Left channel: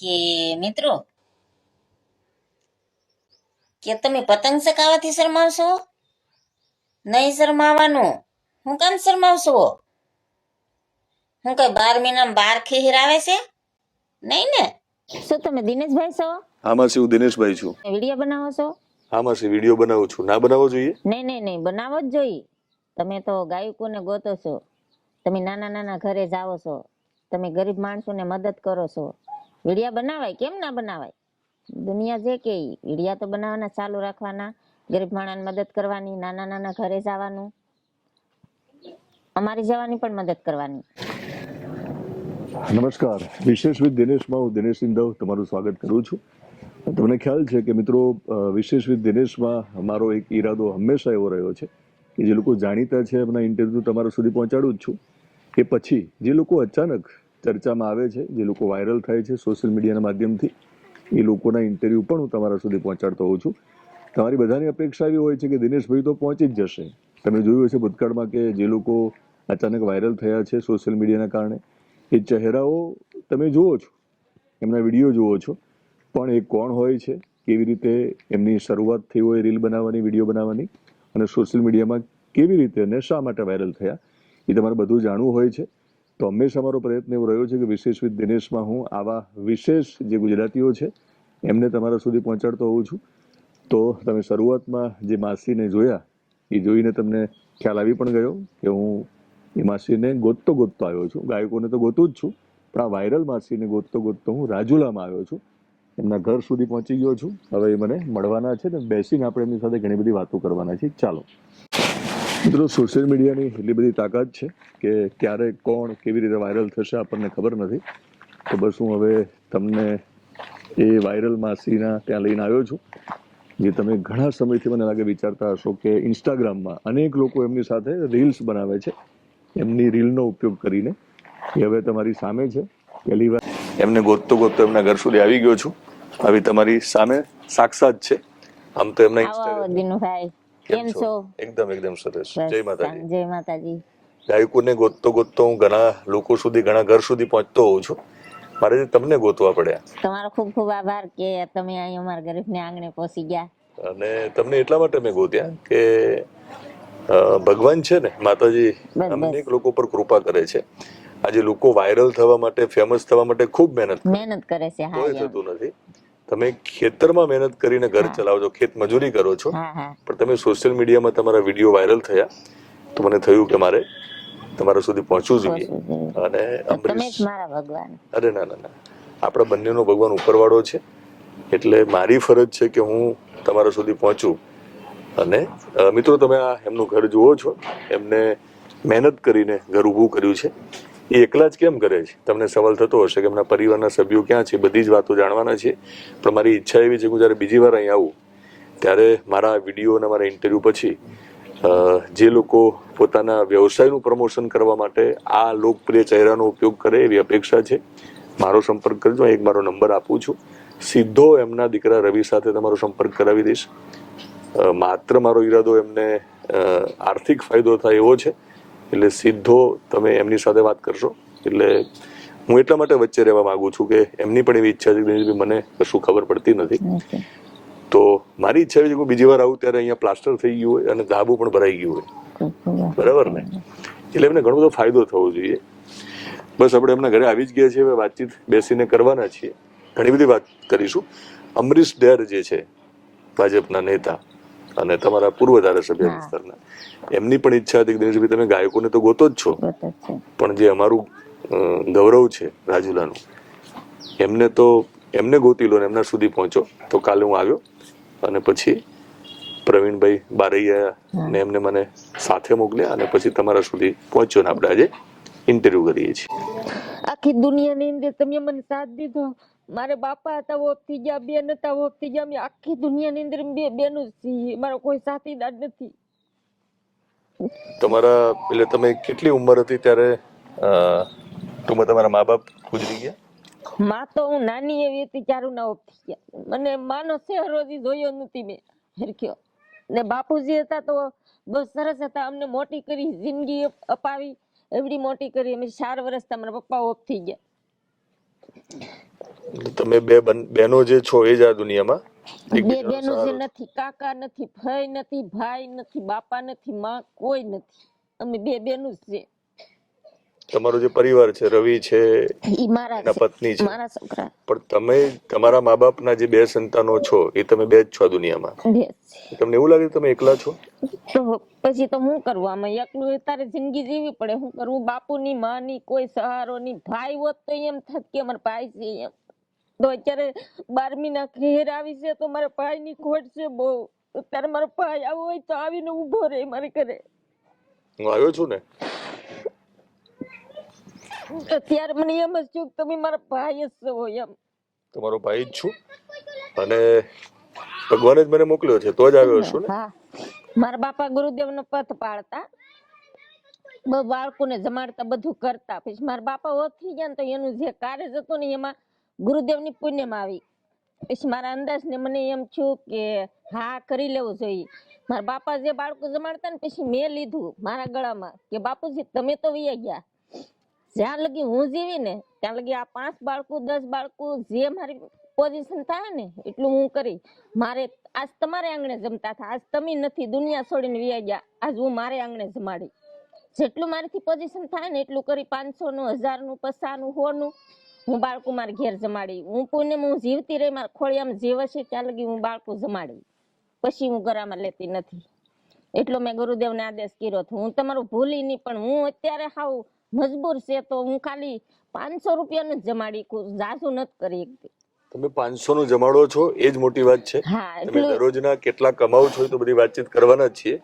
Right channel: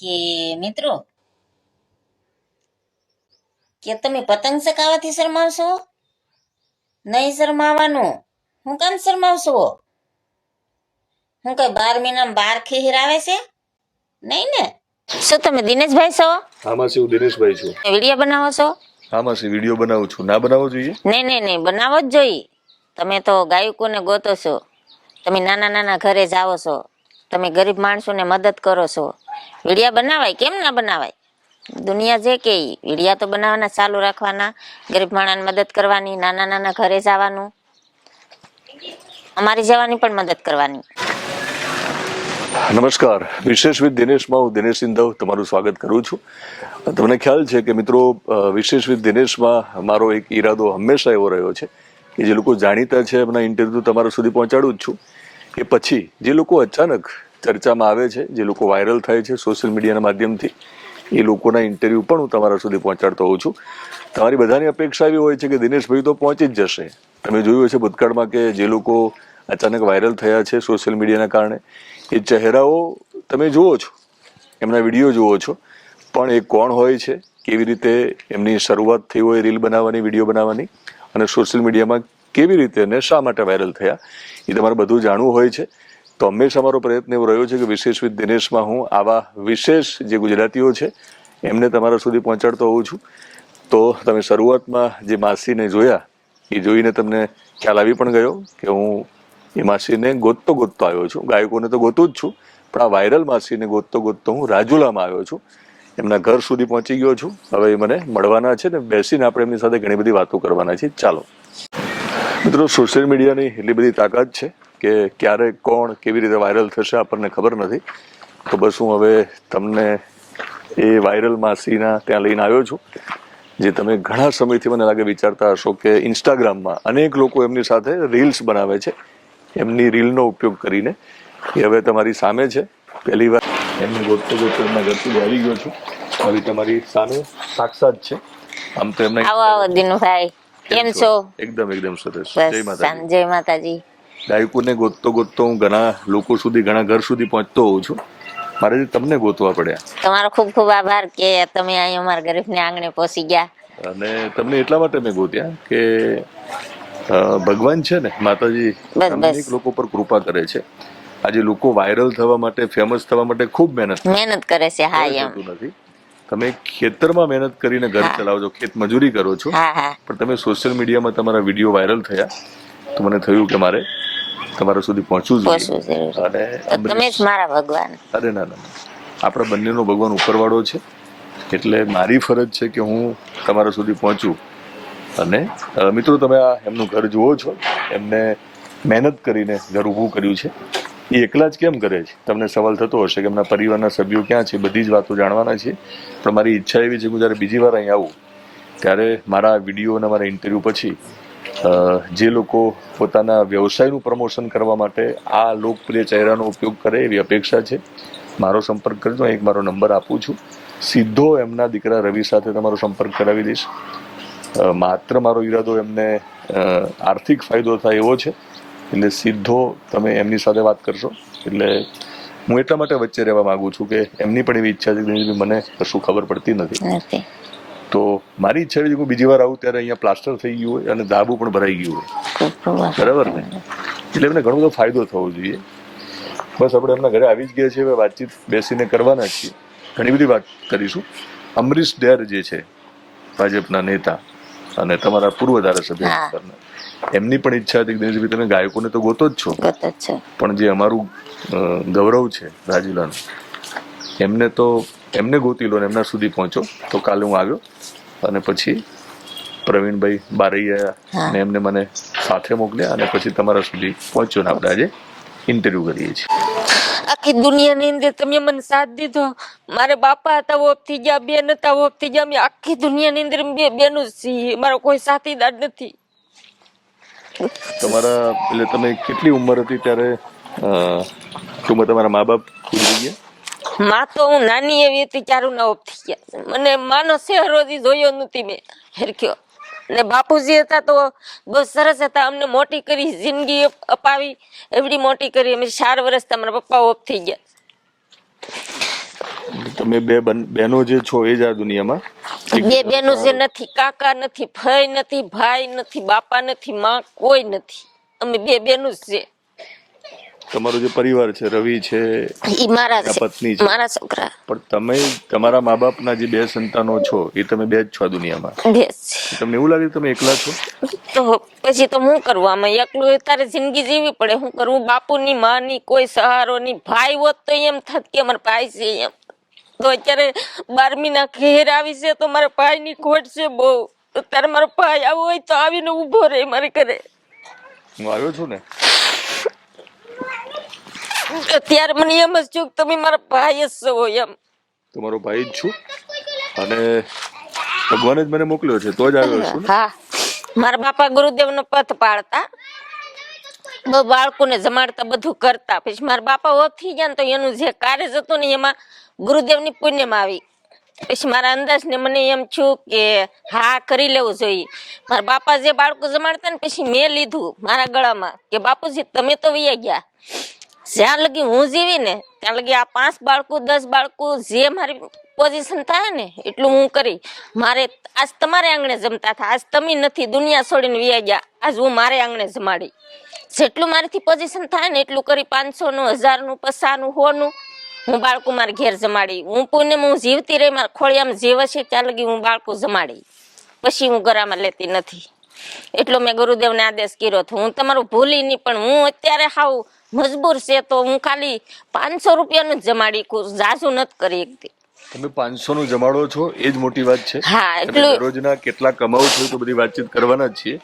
કે મિત્રો કે તમે પતંગ ચગાવવાથી શરમાવશો? નહીં શરમાવાનું. હું કામ શરમાવશો? હું કઈ 12 મહિનામાં 12 ખીર આવે છે? નહીં ને? શું તમે દિનેશભાઈ છો? હા માસી, હું દિનેશભાઈ છું. વિડીયો બનાવો છો? હા માસી, વિડીયો બનાવું છું. ના બનાવવો જોઈએ? નહીં બનાવો જ જોઈએ. તમે તો ગાયકોને ગોતો છો, તમે નાના નાના ઘરે જાઓ છો, તમે ગરીબ માણસોને મદદ કરો છો. વિડીયા બનાવાય, કેમ ના બનાવાય? દુનિયા જે કે વિડીયા તો બનાવવાના, ચાલુ રાખવાના, ગરીબ માણસને મદદ કરવાની, નાના નાના ઘરે જવાનું, અમારી જવાની પણ મદદ કરવાની. નમસ્કાર, વિશેષ વિથ દિનેશમાં હું દિનેશ સિંધવ તમારું સ્વાગત કરું છું. તમને ખ્યાલ છે કે મિત્રો, વિશેષ વિથ દિનેશમાં મારો એક ઈરાદો હંમેશા એવો રહ્યો છે કે જે લોકો જાણીતા છે એમના ઇન્ટરવ્યુ તમારા સુધી પહોંચાડું જ છું. એ પછી જે લોકો અચાનક ચર્ચામાં આવે છે, જે લોકો વાયરલ થાય છે સોશિયલ મીડિયાના માધ્યમથી, એ લોકોના ઇન્ટરવ્યુ પણ હું તમારા સુધી પહોંચાડતો હોઉં છું. તમારી બધાની અપેક્ષા એવી હોય છે કે દિનેશભાઈ તો પહોંચી જ જશે. તમે જોયું હશે ભૂતકાળમાં કે જે લોકો અચાનક વાયરલ થયા છે સોશિયલ મીડિયાના કારણે, એ ચહેરાઓ તમે જુઓ છો, એમના વિડીયો જુઓ છો, પણ એ કોણ હોય છે, કેવી રીતે એમની શરૂઆત થઈ હોય રીલ બનાવવાની, વિડીયો બનાવવાની, અને સોશિયલ મીડિયામાં કેવી રીતે અને શા માટે વાયરલ થયા, એ તમારે બધું જાણવું હોય છે. તો હંમેશા મારો પ્રયત્ન એવો રહ્યો છે કે વિશેષ વિથ દિનેશમાં હું આવા વિશેષ જે ગુજરાતીઓ છે એમને તમારા સુધી પહોંચાડતો હોઉં છું. તો તમે શરૂઆતમાં જે માસીને જોયા, એ જોઈને તમને ખ્યાલ આવી પણ ગયો કે હું એ માસીને ગોતતો આવ્યો છું. ગાયકોને તો ગોતું જ છું, પણ આ વાયરલ માસીને ગોતતો હું રાજુલામાં આવ્યો છું. એમના ઘર સુધી પહોંચી ગયો છું. હવે એ મને મળવાના છે ને બેસીને આપણે એમની સાથે ઘણી બધી વાતો કરવાના છે. ચાલો મિત્રો, સોશિયલ મીડિયાની એટલી બધી તાકાત છે કે ક્યારે કોણ કેવી રીતે વાયરલ થશે આપણને ખબર નથી. તો બસ હું હવે તમને એ વાયરલ માસીના ત્યાં લઈને આવ્યો છું, જે તમે ઘણા સમયથી મને લાગે વિચારતા હશો કે ઇન્સ્ટાગ્રામમાં અનેક લોકો એમની સાથે રીલ્સ બનાવે છે. એમની રીલનો ઉપયોગ કરીને એ હવે તમારી સામે છે. પહેલી વાર એમને ગોતતો એમના ઘર સુધી આવી ગયો છું. હવે તમારી સામે સાક્ષાત છે. આમ તો એમના આવો દિનુભાઈ, કેમ છો? એકદમ સરસ. બસ, જય માતાજી. ગાયકોને ગોતતો હું ઘણા લોકો સુધી, ઘણા ઘર સુધી પહોંચતો હોઉં છું. મારે તમને ગોતવા પડ્યા. તમારો ખૂબ ખૂબ આભાર કે તમે અહીં અમારા ગરીબને આંગણે પહોંચી ગયા. અને તમને એટલા માટે મેં ગોત્યા કે ભગવાન છે ને, માતાજી અનેક લોકો પર કૃપા કરે છે. આજે લોકો વાયરલ થવા માટે, ફેમસ થવા માટે ખૂબ મહેનત કરે છે. હા, એમ નથી. તમે ખેતરમાં મહેનત કરીને ઘર ચલાવો છો, ખેત મજૂરી કરો છો, પણ તમે સોશિયલ મીડિયામાં તમારા વિડીયો વાયરલ થયા તો મને થયું કે મારે તમારા સુધી પહોંચવું જોઈએ. અને તમે જ મારા ભગવાન. અરે ના, આપણા બંનેનો ભગવાન ઉપરવાળો છે. એટલે મારી ફરજ છે કે હું તમારા સુધી પહોંચું. અને મિત્રો, તમે આ એમનું ઘર જુઓ છો. એમને મહેનત કરીને ઘર ઊભું કર્યું છે. એ એકલા જ કેમ કરે છે? તમને સવાલ થતો હશે કે એમના પરિવારના સભ્યો ક્યાં છે? બધી જ વાતો જાણવાના છે. પણ મારી ઈચ્છા એવી છે કે જ્યારે બીજી વાર અહીં આવું ત્યારે મારા વિડીયો અને મારા ઇન્ટરવ્યુ પછી જે લોકો પોતાના વ્યવસાયનું પ્રમોશન કરવા માટે આ લોકપ્રિય ચહેરાનો ઉપયોગ કરે એવી અપેક્ષા છે. મારો સંપર્ક કરજો. એક મારો નંબર આપું છું. સીધો એમના દીકરા રવિ સાથે તમારો સંપર્ક કરાવી દઈશ. માત્ર મારો ઈરાદો એમને આર્થિક ફાયદો થાય એવો છે. એટલે સીધો તમે એમની સાથે વાત કરશો. એટલે હું એટલા માટે વચ્ચે રહેવા માંગુ છું કે એમની પણ એવી ઈચ્છા છે કે મને કશું ખબર પડતી નથી. તો મારી ઈચ્છા એવી છે કે બીજી વાર આવું ત્યારે અહીંયા પ્લાસ્ટર થઈ ગયું હોય અને ધાબુ પણ ભરાઈ ગયું હોય, બરાબર ને? એટલે એમને ઘણો બધો ફાયદો થવો જોઈએ. બસ આપણે એમના ઘરે આવી જ ગયા છીએ. હવે વાતચીત બેસીને કરવાના છીએ. ઘણી બધી વાત કરીશું. અમરીશ ડેર જે છે, ભાજપના નેતા અને તમારા પૂર્વ ધારાસભ્ય, એમની પણ ઈચ્છા હતી કે દિનેશભાઈ તમે ગાયકોને તો ગોતો જ છો, પણ જે અમારું ગૌરવ છે રાજુલાનું, એમને ગોતી લો ને એમના સુધી પહોંચો. તો કાલે હું આવ્યો અને પછી પ્રવીણભાઈ બારૈયા ને એમને મને સાથે મોકલ્યા અને પછી તમારા સુધી પહોંચ્યો ને આપણે આજે ઇન્ટરવ્યુ કરીએ છીએ. આખી દુનિયાની અંદર તમે મને સાથ દીધો. મારે બાપા હતા, ઓફ થઈ ગયા, બેન હતા, ઓફ થઈ ગયા. અમે આખી દુનિયાની અંદર બે બેનું છીએ. મારો કોઈ સાથીદાર નથી. તમારા એટલે તમે કેટલી ઉંમર હતી ત્યારે તમારા મા બાપ ગુજરી ગયા? માં તો હું નાની એવી હતી ત્યારે ના ઓફ થઈ ગયા. મને માનો ચહેરો જોયો નથી મેં હરખ્યો. ને બાપુજી હતા તો બહુ સરસ હતા. અમને મોટી કરી, જિંદગી અપાવી, એવડી મોટી કરી. અમે 4 વર્ષ મારા પપ્પા ઓફ થઈ ગયા. તમે બે બહેનો જે છો એ જ આ દુનિયામાં? બે બેનું જે નથી, કાકા નથી, ભાઈ નથી, ભાઈ નથી, બાપા નથી, માં કોઈ નથી. અમે બે બેનું જ છે. તમારો જે પરિવાર છે, રવિ છે, ઈ મારા છે, પત્ની છે, મારા છોકરા પણ તમે તમારા મા બાપના જે બે સંતાનો છો એ તમે બે જ છો આ દુનિયામાં. બે છે. તમને એવું લાગે તમે એકલા છો? તો પછી તો શું કરવું? આમાં એકલું તારે જિંદગી જીવવી પડે. શું કરવું? બાપુની માની કોઈ સહારો નહીં. ભાઈ હોત તો એમ થાત કે અમારા ભાઈ છે એમ. તો અત્યારે 12મી ના ઘેર આવી છે તો મારા ભાઈની ખોટ છે બહુ. અત્યારે મારો ભાઈ આવો હોય તો આવીને ઊભો રહે મારે ઘરે. હું આવ્યો છું ને, અત્યારે મને એમ જ છું કે તમે મારા ભાઈ જ છો એમ. તમારો ભાઈ જ છું અને ભગવાને જ મને મોકલ્યો છે તો જ આવ્યો છું ને. હા, મારા બાપા ગુરુદેવનો પથ પાડતા, બહુ બાળકોને જમાડતા, બધું કરતા. પછી મારા બાપા ઓફ થઈ ગયા ને તો એનું જે કાર્ય હતું ને એમાં ગુરુદેવની પુણ્યમાં આવી. પછી મારા અંદાજને મને એમ છું કે હા કરી લેવું જોઈએ. મારા બાપા જે બાળકો જમાડતા ને પછી મેં લીધું મારા ગળામાં કે બાપુજી તમે તો વયા ગયા. જ્યાં લગી હું જીવી ને ત્યાં લગી આ 5 બાળકો 10 બાળકો જે મારી પોઝિશન થાય ને એટલું હું કરી. મારે આજ તમારે આંગણે જમતા હતા, આજ તમે નથી, દુનિયા છોડીને વયા ગયા, આજ હું મારે આંગણે જમાડી. જેટલું મારીથી પોઝિશન થાય ને એટલું કરી, 500નું, 1000નું, 500નું, 100નું હું બાળકો મારે ઘેર જમાડી. હું પુણ્યમાં હું જીવતી રહી, મારા ખોળિયામાં જીવ છે ત્યાં લગી હું બાળકો જમાડી. પછી હું ગરામાં લેતી નથી. એટલો મેં ગુરુદેવને આદેશ કર્યો હતો. હું તમારું ભૂલી નહીં, પણ હું અત્યારે હાવ મજબૂર છે તો હું ખાલી 500 રૂપિયાનું જ જમાડી, જાજુ નથી કરી શકતી. તમે 500 નું જમાડો છો એ જ મોટી વાત છે. હા, તમે એટલું દરરોજના કેટલા કમાવ છો તો બધી વાતચીત કરવાના જ છીએ.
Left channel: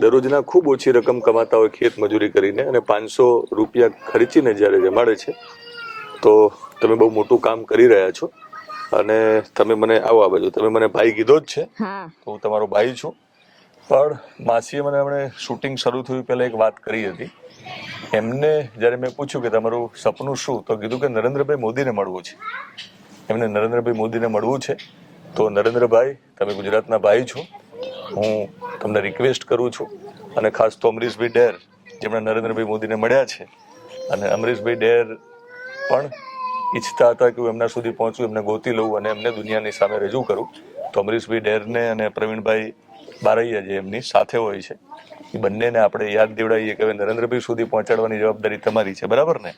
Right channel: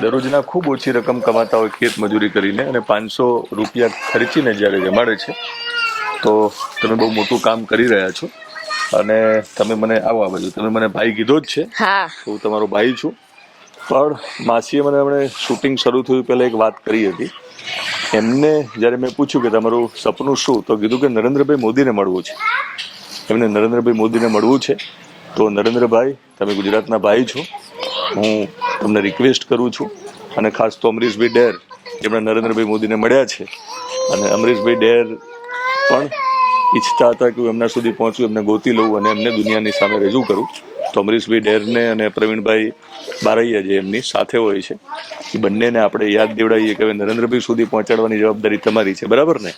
દરરોજના ખૂબ ઓછી રકમ કમાતા હોય ખેત મજૂરી કરીને અને 500 રૂપિયા ખર્ચીને જ્યારે જમાડે છે તો તમે બહુ મોટું કામ કરી રહ્યા છો. અને તમે મને આવો આ બધું તમે મને ભાઈ કીધો જ છે. હા, હું તમારો ભાઈ છું. પણ માસીએ મને હમણાં શૂટિંગ શરૂ થયું પહેલા એક વાત કરી હતી. એમને જ્યારે મેં પૂછ્યું કે તમારું સપનું શું, તો કીધું કે નરેન્દ્રભાઈ મોદીને મળવું છે. એમને નરેન્દ્રભાઈ મોદીને મળવું છે. તો નરેન્દ્રભાઈ, તમે ગુજરાતના ભાઈ છો, હું તમને રિક્વેસ્ટ કરું છું અને ખાસ તો અમરીશભાઈ ડેર જેમણે નરેન્દ્રભાઈ મોદીને મળ્યા છે અને અમરીશભાઈ ડેર પણ ઈચ્છતા હતા કે હું એમના સુધી પહોંચું, એમને ગોતી લઉં અને એમને દુનિયાની સામે રજૂ કરું. તો અમરીશભાઈ ડેરને અને પ્રવીણભાઈ બારૈયા જે એમની સાથે હોય છે એ બંનેને આપણે યાદ દેવડાવીએ કે નરેન્દ્રભાઈ સુધી પહોંચાડવાની જવાબદારી તમારી છે, બરાબર ને?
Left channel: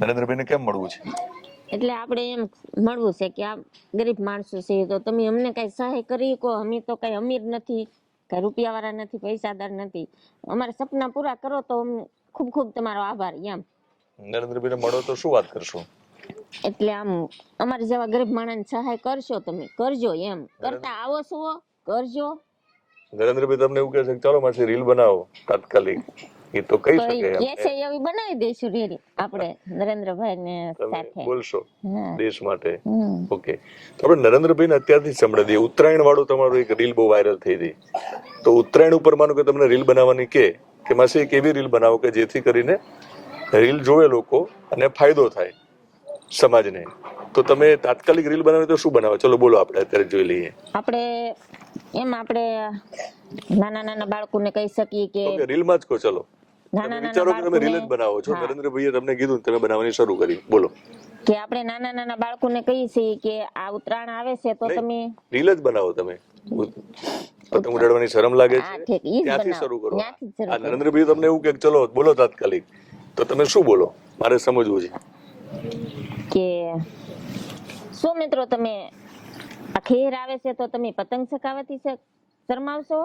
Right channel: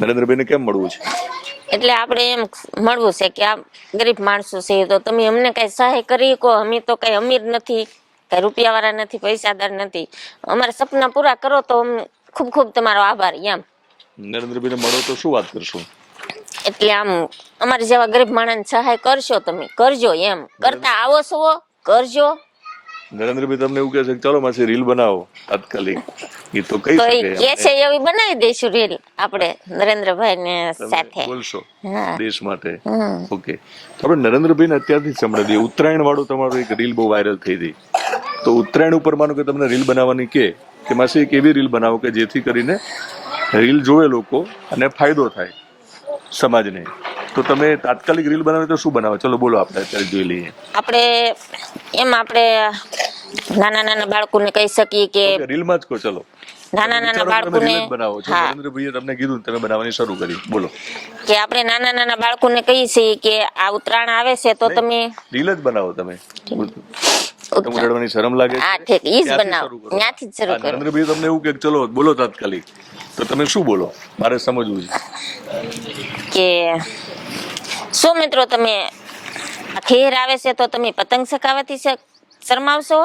નરેન્દ્રભાઈને કેમ મળવું છે? એટલે આપણે એમ મળવું છે કે આ ગરીબ માણસો છે તો તમે અમને કઈ સહાય કરી શકો. અમે તો કઈ અમીર નથી, કઈ રૂપિયાવાળા નથી, પૈસાદાર નથી. અમારા સપના પૂરા કરો તો ખૂબ ખૂબ તમારો આભાર એમ. નરેન્દ્રભાઈને મળો તો શું વાત કરશું? એટલે આમ અમારી જેવા ગરીબ માણસને સહાય કરશો, તમે કરજો એમ. કરતા આવો છો કરજો. નરેન્દ્રભાઈ તમને એવું કહે છે કે ચાલો માસી રીલ બનાવો તાત્કાલિક, એ તો કહી તો શકે એ કે છે એવી બનાવી દઈશું રીલ આપણે નરેન્દ્રભાઈ ને સાથે. બોલશો હા. દેશ માટે. ઓકે, તો આપણે નરેન્દ્રભાઈને અત્યારથી જ સંભળાવી દઈએ. ઉત્તરાયણ વાળું તમારું એક રીલ બહુ વાયરલ થઈ હતી. તો ઉત્તરાયણ ઉપર માનો કે તમને રીલ બનાવવાની કે માસી એક એવી રીલ બનાવો કે જેથી કરીને રીલ જોવે લોકો અને ફાયદો થાય સમાજને. તો તમે તાત્કાલિક રીલ બનાવે તો શું બનાવો? ચલો બોલો, આપણે અત્યારે જોઈ લઈએ. આપણે નાના નાના બાળકોને કહી શકીએ કે રીલમાં જ કહો. ચલો, નાના નાના બાળકોને બનાવો છો. નરેન્દ્રભાઈએ તમને કીધું તમે બનાવવાની શરૂ કરી, બોલો. કે આપણે નાના નાના બાળકોને કહીએ છીએ કે આ ઉત્તરાયણ આવે છે તો તમે રીલ જ બનાવો. તમે ઉડાડવાની શરમ લાગે હા ઠીક, ઈ જ બનાવો, ત્યાંથી જ શરૂ કરો. નરેન્દ્રભાઈ તમને એવું કે ચલો બોલો તાત્કાલિક, તો તમે શું બોલો? મારે સમજવું છે કે શું મિત્રો તમે આ ખેર આવે છે તો તમે પતંગ ચગાવવાથી શરમાવશો?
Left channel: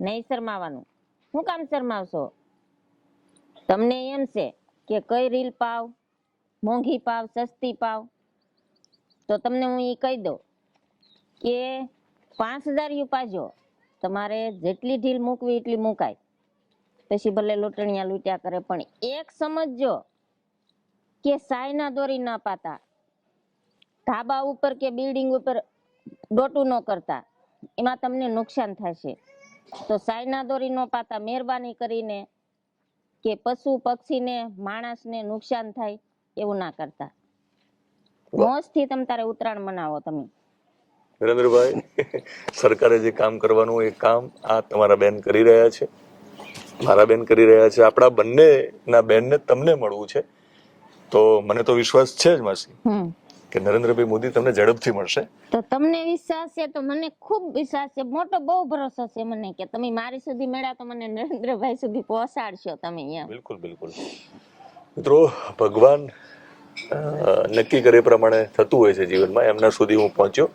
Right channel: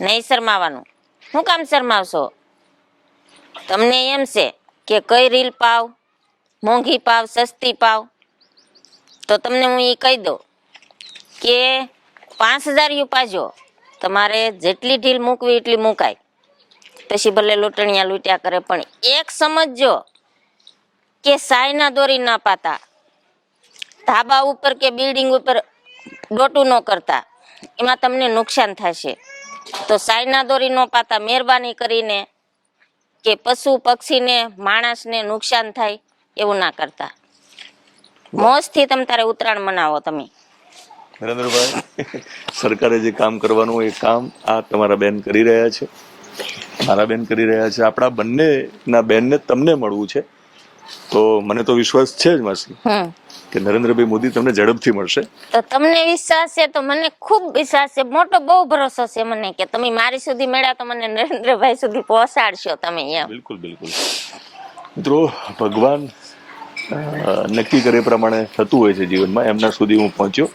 નહીં શરમાવાનું. શું કામ શરમાવશો? તમને એમ છે કે કઈ રીલ પાવ, મોંઘી પાવ, સસ્તી પાવ, તો તમને હું એ કહી દઉં કે 5000 પાજો. તમારે જેટલી ઢીલ મૂકવી એટલી મૂકાય. પછી ભલે લૂંટણિયા લૂંટ્યા કરે, પણ એક સમજજો કે સાયના દોરી ના પાતા, ધાબા ઉપર કે બિલ્ડિંગ ઉપર ડોટું ન કરતા, એમાં તમને નુકસાન થશે. તો સાયના દોરી ન પાતા, મહેરબાની કરીને કે પશુ પક્ષીને માણસને નુકસાન થાય એવું ના કરતા. મોજથી તમે તારે ઉત્તરાયણ મનાવો. તમે નરેન્દ્રભાઈ, સરકારે જે કામ કરવાનું એ કામ આ તમારા બેન કરી રહ્યા છે, મારા બેન કરી રહ્યા છે. આપણા બંનેના બેનને તમને મળવું છે તો મને તો વિશ્વાસ છે જ માસી કે નરેન્દ્રભાઈ મોદી તમને ઝડપથી મળશે. તો તમને વિશ્વાસ છે તો મને ખૂબ વિશ્વાસ છે, મોટો બહુ ભરોસો છે મને કે તમે મારી સુધી મળ્યા તો મને નરેન્દ્રભાઈ સુધી પહોંચાડશો તમે એમ. બિલકુલ બિલકુલ. મિત્રો ભગવાન નક્કી કરે પ્રમાણે થતું હોય છે જીવનમાં. એમના સુધી હું પહોંચ્યો.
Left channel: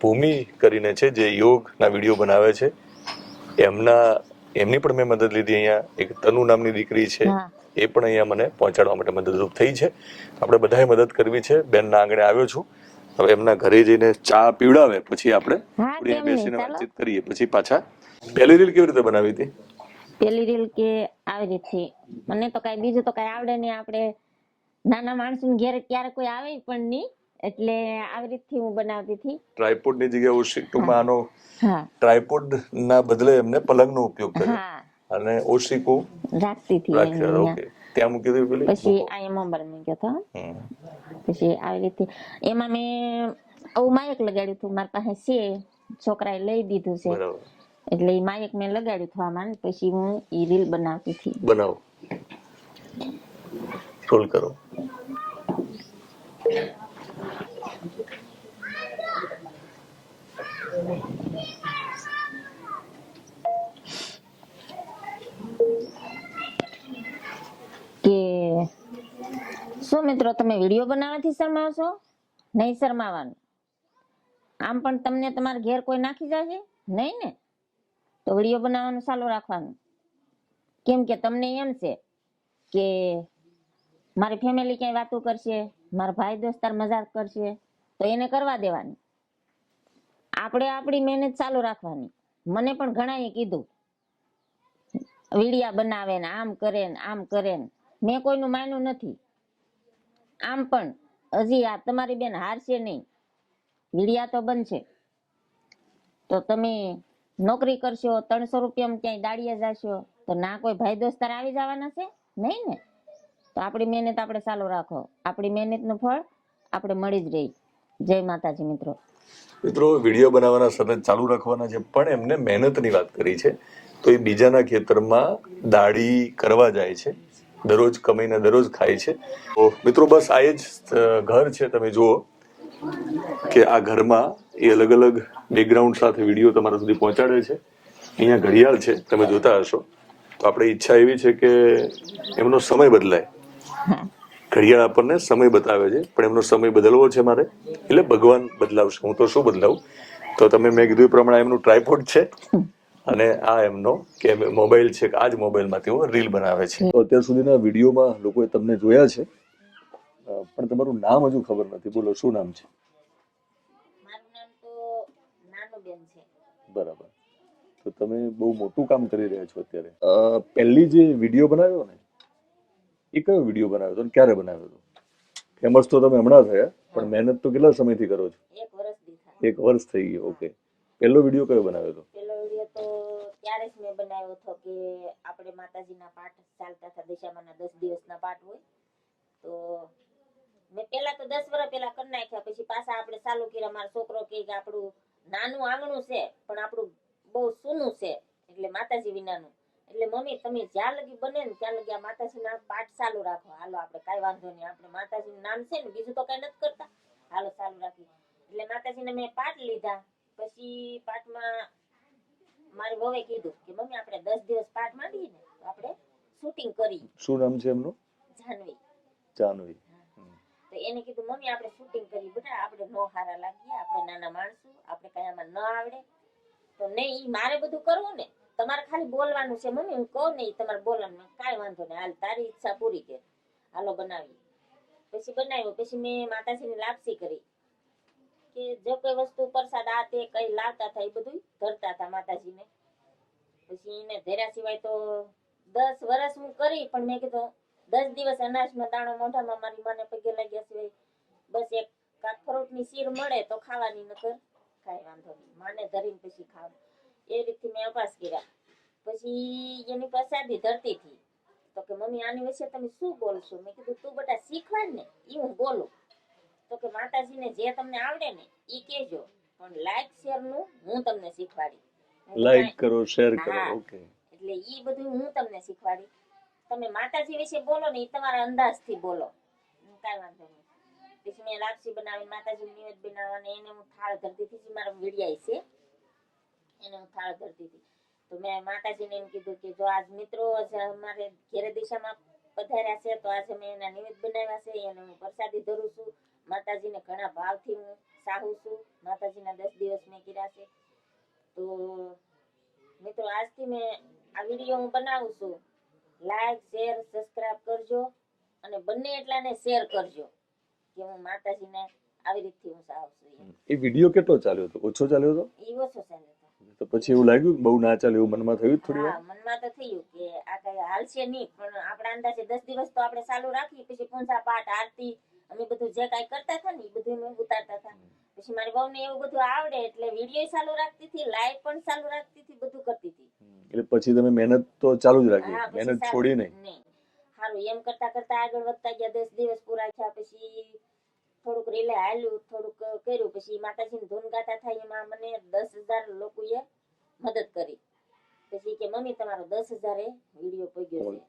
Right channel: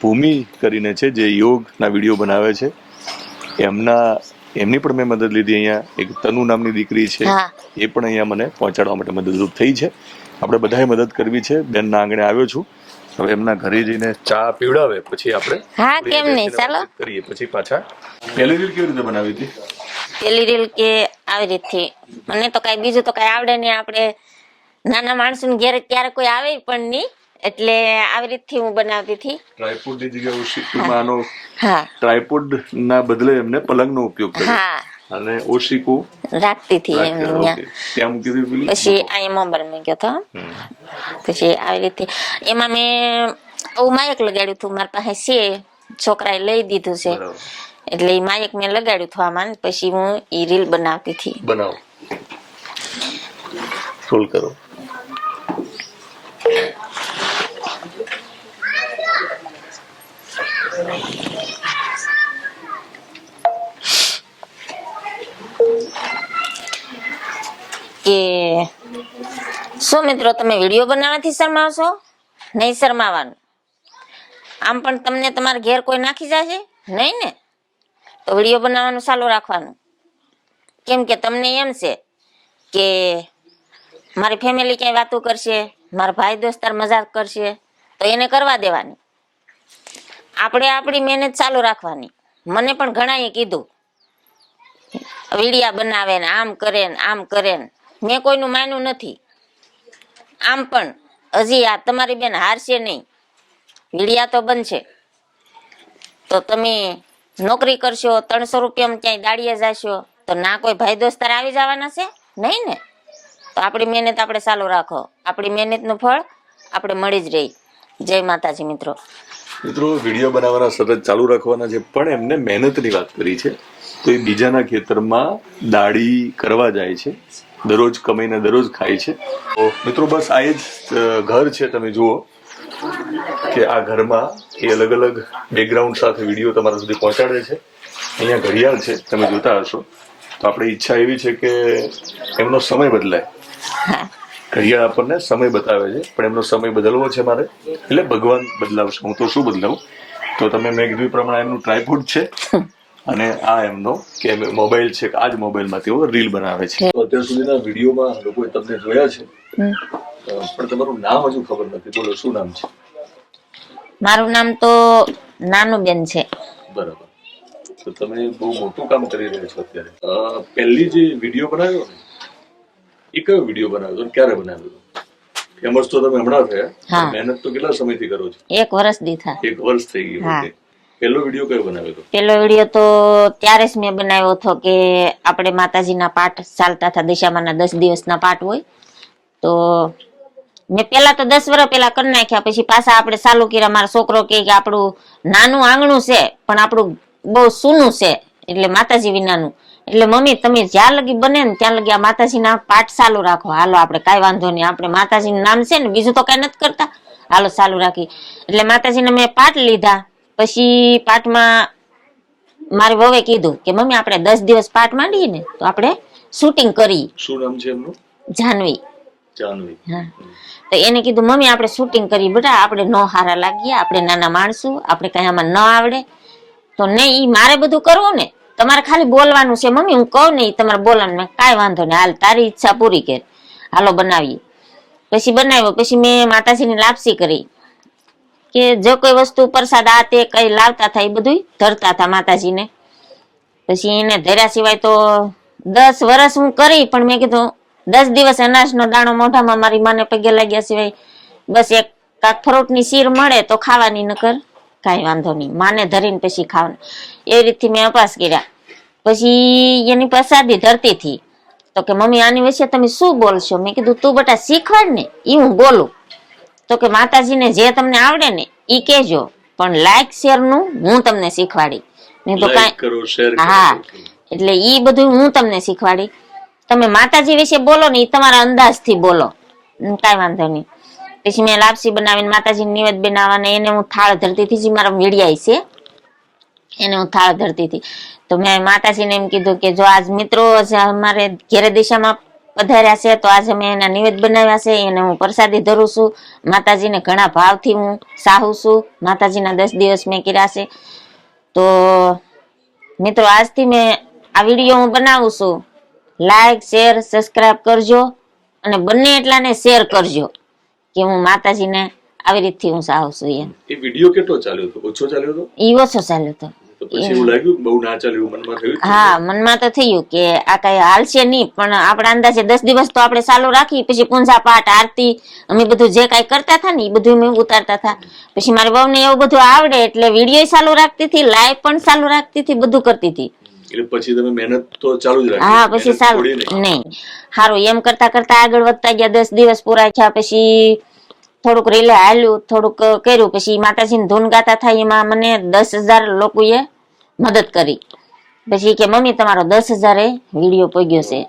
ભૂમિ કરીને છે જે યોગના વિડીયો બનાવે છે, એમની પણ મેં મદદ લીધી. અહીંયા એક તનુ નામની દીકરી છે, એ પણ અહીંયા મને પહોંચાડવા માટે મદદરૂપ થઈ છે. આપણે બધાએ મદદ કરવી છે. બેનના આંગણે આવ્યો છું, હવે એમના ઘરે જઈને ચા પીવડાવે પછી આપણે કેમ નહીં ચાલો કરીએ. પછી પાછા પહેલી રીલ કેવી રીતે બનાવી હતી? પેલી રીલ કે આવી રીતથી, મને તો કઈ બીજું તો કઈ આવડે નહીં. આપણે નાના માણસો ઘેરે ત્યારે કોઈ આવે પણ નહીં, એટલે આવી રીતથી હું બનાવતી હતી. ટ્રાયપોડ ની જગ્યાએ ઓશિકુમાં આનો ટ્રાયપોડ ના બદલે એમને પલંગનો ઉપયોગ કર્યો અને ઓશિકુ રાખતી હતી ત્યાં મૂકી દીધું. પછી અહીંયા મોબાઈલ મૂક્યો હતો. પછી આવી રીતે એમાં મેં માયક લગાડ્યું હતું, મારી પાસે છે, છોકરાએ લઈ દીધું છે, એટલે એ માયક મેં લગાડ્યું હતું આમાં. પછી હું એ રીલ બનાવતી હતી. બનાવો, રોલ કરો. કે શું મિત્રો તમે વિડીયો બનાવવાથી શરમાવશો? નહીં શરમાવાનું. આમ પણ તમને તમારા ઘેર કોઈ નાખી જશે નહીં ને, તો વિડીયો બનાવવાનું ચાલુ રાખવાનું. કેમ કે તમને એમ છે કે મારી ફેમિલી ક્યાંય વાતો કરશે, મારા ભાઈ દોસ્તાર મજાક કરશે, તો એને કરવા દેવાની. આપણે આપણી મહેનત ચાલુ રાખવાની. મને પણ ઘણાએ કીધું વિડીયા બનાવે ને આમ કરે ને આમ કરે ને, મેં કોઈનું માન્યું નથી. આમ પણ હજી આ તમારી બેન હારશે નહીં, વિડીયા તો બનશે. તો તમે નોકરી કરશો, 300 રૂપિયામાં ક્યાંય દાડીએ જશો, તો ના કોઈ ભાઈ દોસ્તાર આવી જવાના છે નહીં ને. તો આપણી મહેનત આપણે ચાલુ રાખો, આપણી મહેનતનું ફળ આપણે મળી જ રહી. જય માતાજી મિત્રો. વિડીયો બનાવવાના સતત ચાલુ રાખવાના છે, પણ એમને મહેનતની વાત કરી છે. તો એ બીજાના ખેતરમાં દાડી કરવા જાય છે, દરરોજ કમાઈને દરરોજ ખાય છે. તો મિત્રો બસ આ જ ઘર છે. તમે જુઓ કે આ ઘરમાં એ અલગ અલગ બેકગ્રાઉન્ડ સાથે વિડીયો તમારા સુધી પહોંચાડે છે. અહીંયા ઘડિયાળ છે, તમે જોતા હશો. તો આપણી ઈચ્છા એવી છે કે એમનો સમય બદલાય. ઘડિયાળ આપણને સમય બતાવે છે, પણ એમનો સમય બદલવો છે મારે, એટલે ભગવાન બદલાવશે, હું તો શું બદલાવું. તો તમે મેં કીધું એ પ્રમાણે એમનું ટ્રાયપોડ છે અને આ એમનો કે મોબાઈલ છે, આ જ મોબાઈલમાંથી તેઓ રીલ બનાવે છે. તો અત્યાર સુધીના વિડીયોમાં લોકોએ તમને જોયા છે, પણ તમારું નામ હજુ ખબર નથી. બોલો, શું નામ છે? મારું નામ તો નાનુબેન છે. બરાબર. તો તમે બહુ મોટું કામ કરી રહ્યા છો અત્યારે. પહેલી જે વિડીયો બનાવ્યો ને, એ કયો વિડીયો બનાવ્યો હતો, ક્યારે બનાવ્યો હતો? ફેમસ તો તમે હમણાં થયા, મહેનત તો કેટલા સમયથી કરો છો? 1 વર્ષ દીધા. 1 વર્ષ થઈ ગયું. પહેલો વિડીયો કયો બનાવ્યો હતો? પહેલો વિડીયો તો ત્યારે જ મેં બનાવ્યો હતો કે આપણે માતાજીના પાઠ ચાલતા હતા, દશામાના 10 દિવસના પાઠ હોય. તો મેં પેલા તો 10 વર્ષ પેલા કરી નાખ્યા, પછી પાછા આપણે ચાલુ કર્યા. મારો છોકરો કે આપણું નાનું આંગણું છે પણ આપણું બહુ સૂનું છે, એટલે માતાજી વિનાનું. એટલે મમ્મી તમે જ્યાં લગી બને ને ત્યાં લગી આ માતાજીના પાઠ ચાલુ રાખો. હાલો આપણે કઈ વાંધો નહીં, આપણે માતાજીનું નામ છે ને, બીજું તો કઈ નથી કરતા, હાલો ચાલુ રાખી. એટલે માતાજીને મેં પાઠ લીધા. પછી પાઠમાં મારી વહુએ કીધું કે મમ્મી આપણે 10 દિવસ પાઠ માંડીએ ને તો આપણે શૂટિંગ કરીએ. શું નામ છે એમનું? જાનવી. જાનવી. હા. તો એને કીધું મમ્મી આપણે શૂટિંગ કરીએ, બેટા આપણે નો હારા લાગીએ, આપણે નાના માણસો, આપણે કઈ આમાં ન આવડે. તો નહીં, ઈ મારે બધું કરવું ને, તમારે ખાલી બોલવાનું છે. મમ્મી હું કહું ને તમારે બોલવાનું. કાંઈ વાંધો નહીં, હાલ તારી ઈચ્છા પૂરી કર, હાલો બનાવીએ. પછી બનાવ્યો. પછી મેં માતાજીની લાપસી કરી કે જો કોઈ વસ્તુ પ્રસાદ આ તે કઈ લાવતા હતા એ બધું ધરતા હતા માતાજીને. પછી એને ધર્યા સિવાય તો 10 વર્ષ હું કરી, પણ મેં કીધું 10 દિવસ અનાજનો દાણો મોઢામાં મારી માને પગે લાગ્યા સિવાય બસ એક કાક ફ્રૂટની શીર મળે તો ખાવાની, નકર કાંઈ વાંધો નહીં, માને ધરીને પછી ખાવાનું. એવી રીતથી મેં અપાસ કર્યા. પછી એની પ્રસાદી ધરતી હતી. તો કે મમ્મી આની વિશે તમે શું બોલશો? મેં કીધું તું બેટા શીખવાડ ને, એ હું બોલું. તો કે માતાજીને જે તમને આવડે ને ઈ કહેજો, પણ લાઈક શેર નું હું તમને શીખવાડી. મેં તો કાંઈ હા, એટલે ઈ બધું હું તમને શીખવાડી. તમે માતાજી વિશે બોલો ને, ઈ તમારા અંદાજથી બોલો, કાંઈ વાંધો નહીં. પછી મેં લાપસી બનાવીને માતાજીને નિવેદ બનાવવાને એને હું થાળ ધરતી હતી, જે મારા વીડિયા છે એને હું થાળ ધરતી હતી. તો મેં માતાજીને એમ કીધું કે જો આજ મિત્રો અમારે ઘેરે દિશામાં પધાર્યા છે તો આજે મેં એના નિવેદ બનાવ્યા છે, એને હું પ્રસાદી ધરું છું. માતાજીને ઘણા ભાવથી હું સાહું છું. માતાજીના 10 દિવસ મેં કર્યા છે. તો મિત્રો આજથી મેં આ વિડીયો હું બનાવું છું. લાઈક, શેર, સબસ્ક્રાઇબ કરજો અને બંને એટલાને શેર કરજો કે હું માતાજીને આવી રીતથી હું સાહું છું. એમ એ વિડીયો કેટલો ચાલ્યો હતો? ઓછો ચાલ્યો હતો? ઈ ઓછો ચાલ્યો હતો. તો પછી એવું લાગ્યું કે બહુ ના ચાલ્યું, મનમાં થયું? હા, મનમાં તો થયું કે આ કઈ હાલશે નહીં, પણ આપણા અંદાજે 10 દિવસ તો આપણે ચાલુ રાખી. પછી પૂંજા પાઠ, આરતી, અમે બધું જે કઈ કરતા હતા ને એ બધું અમે ઉતારતા હતા. પછી મારી વહુને એવું બધું આવડે એટલે વિડીયો ચાલુ રાખતી હતી, લાઈવ પણ ચાલુ રાખતી હતી, બધું કરતી હતી. એટલે પછી તમે મહેનત તો ચાલુ જ રાખી? હા, પછી ચાલુ નહીં. સારું, એમ કરતા કરતા આગળ વધતા ગયા. 10 દિવસ પૂરા થયા પછી થોડુંક રીલે હાલ્યું, થોડુંક કર્યું. પછી માતાજીની ધૂન ગાતા થાય એમાં મને 10,000 લોકોએ મદદ કરી. પછી કે મમ્મી તમારો 10,000 વિડીયો પગ્યો છે.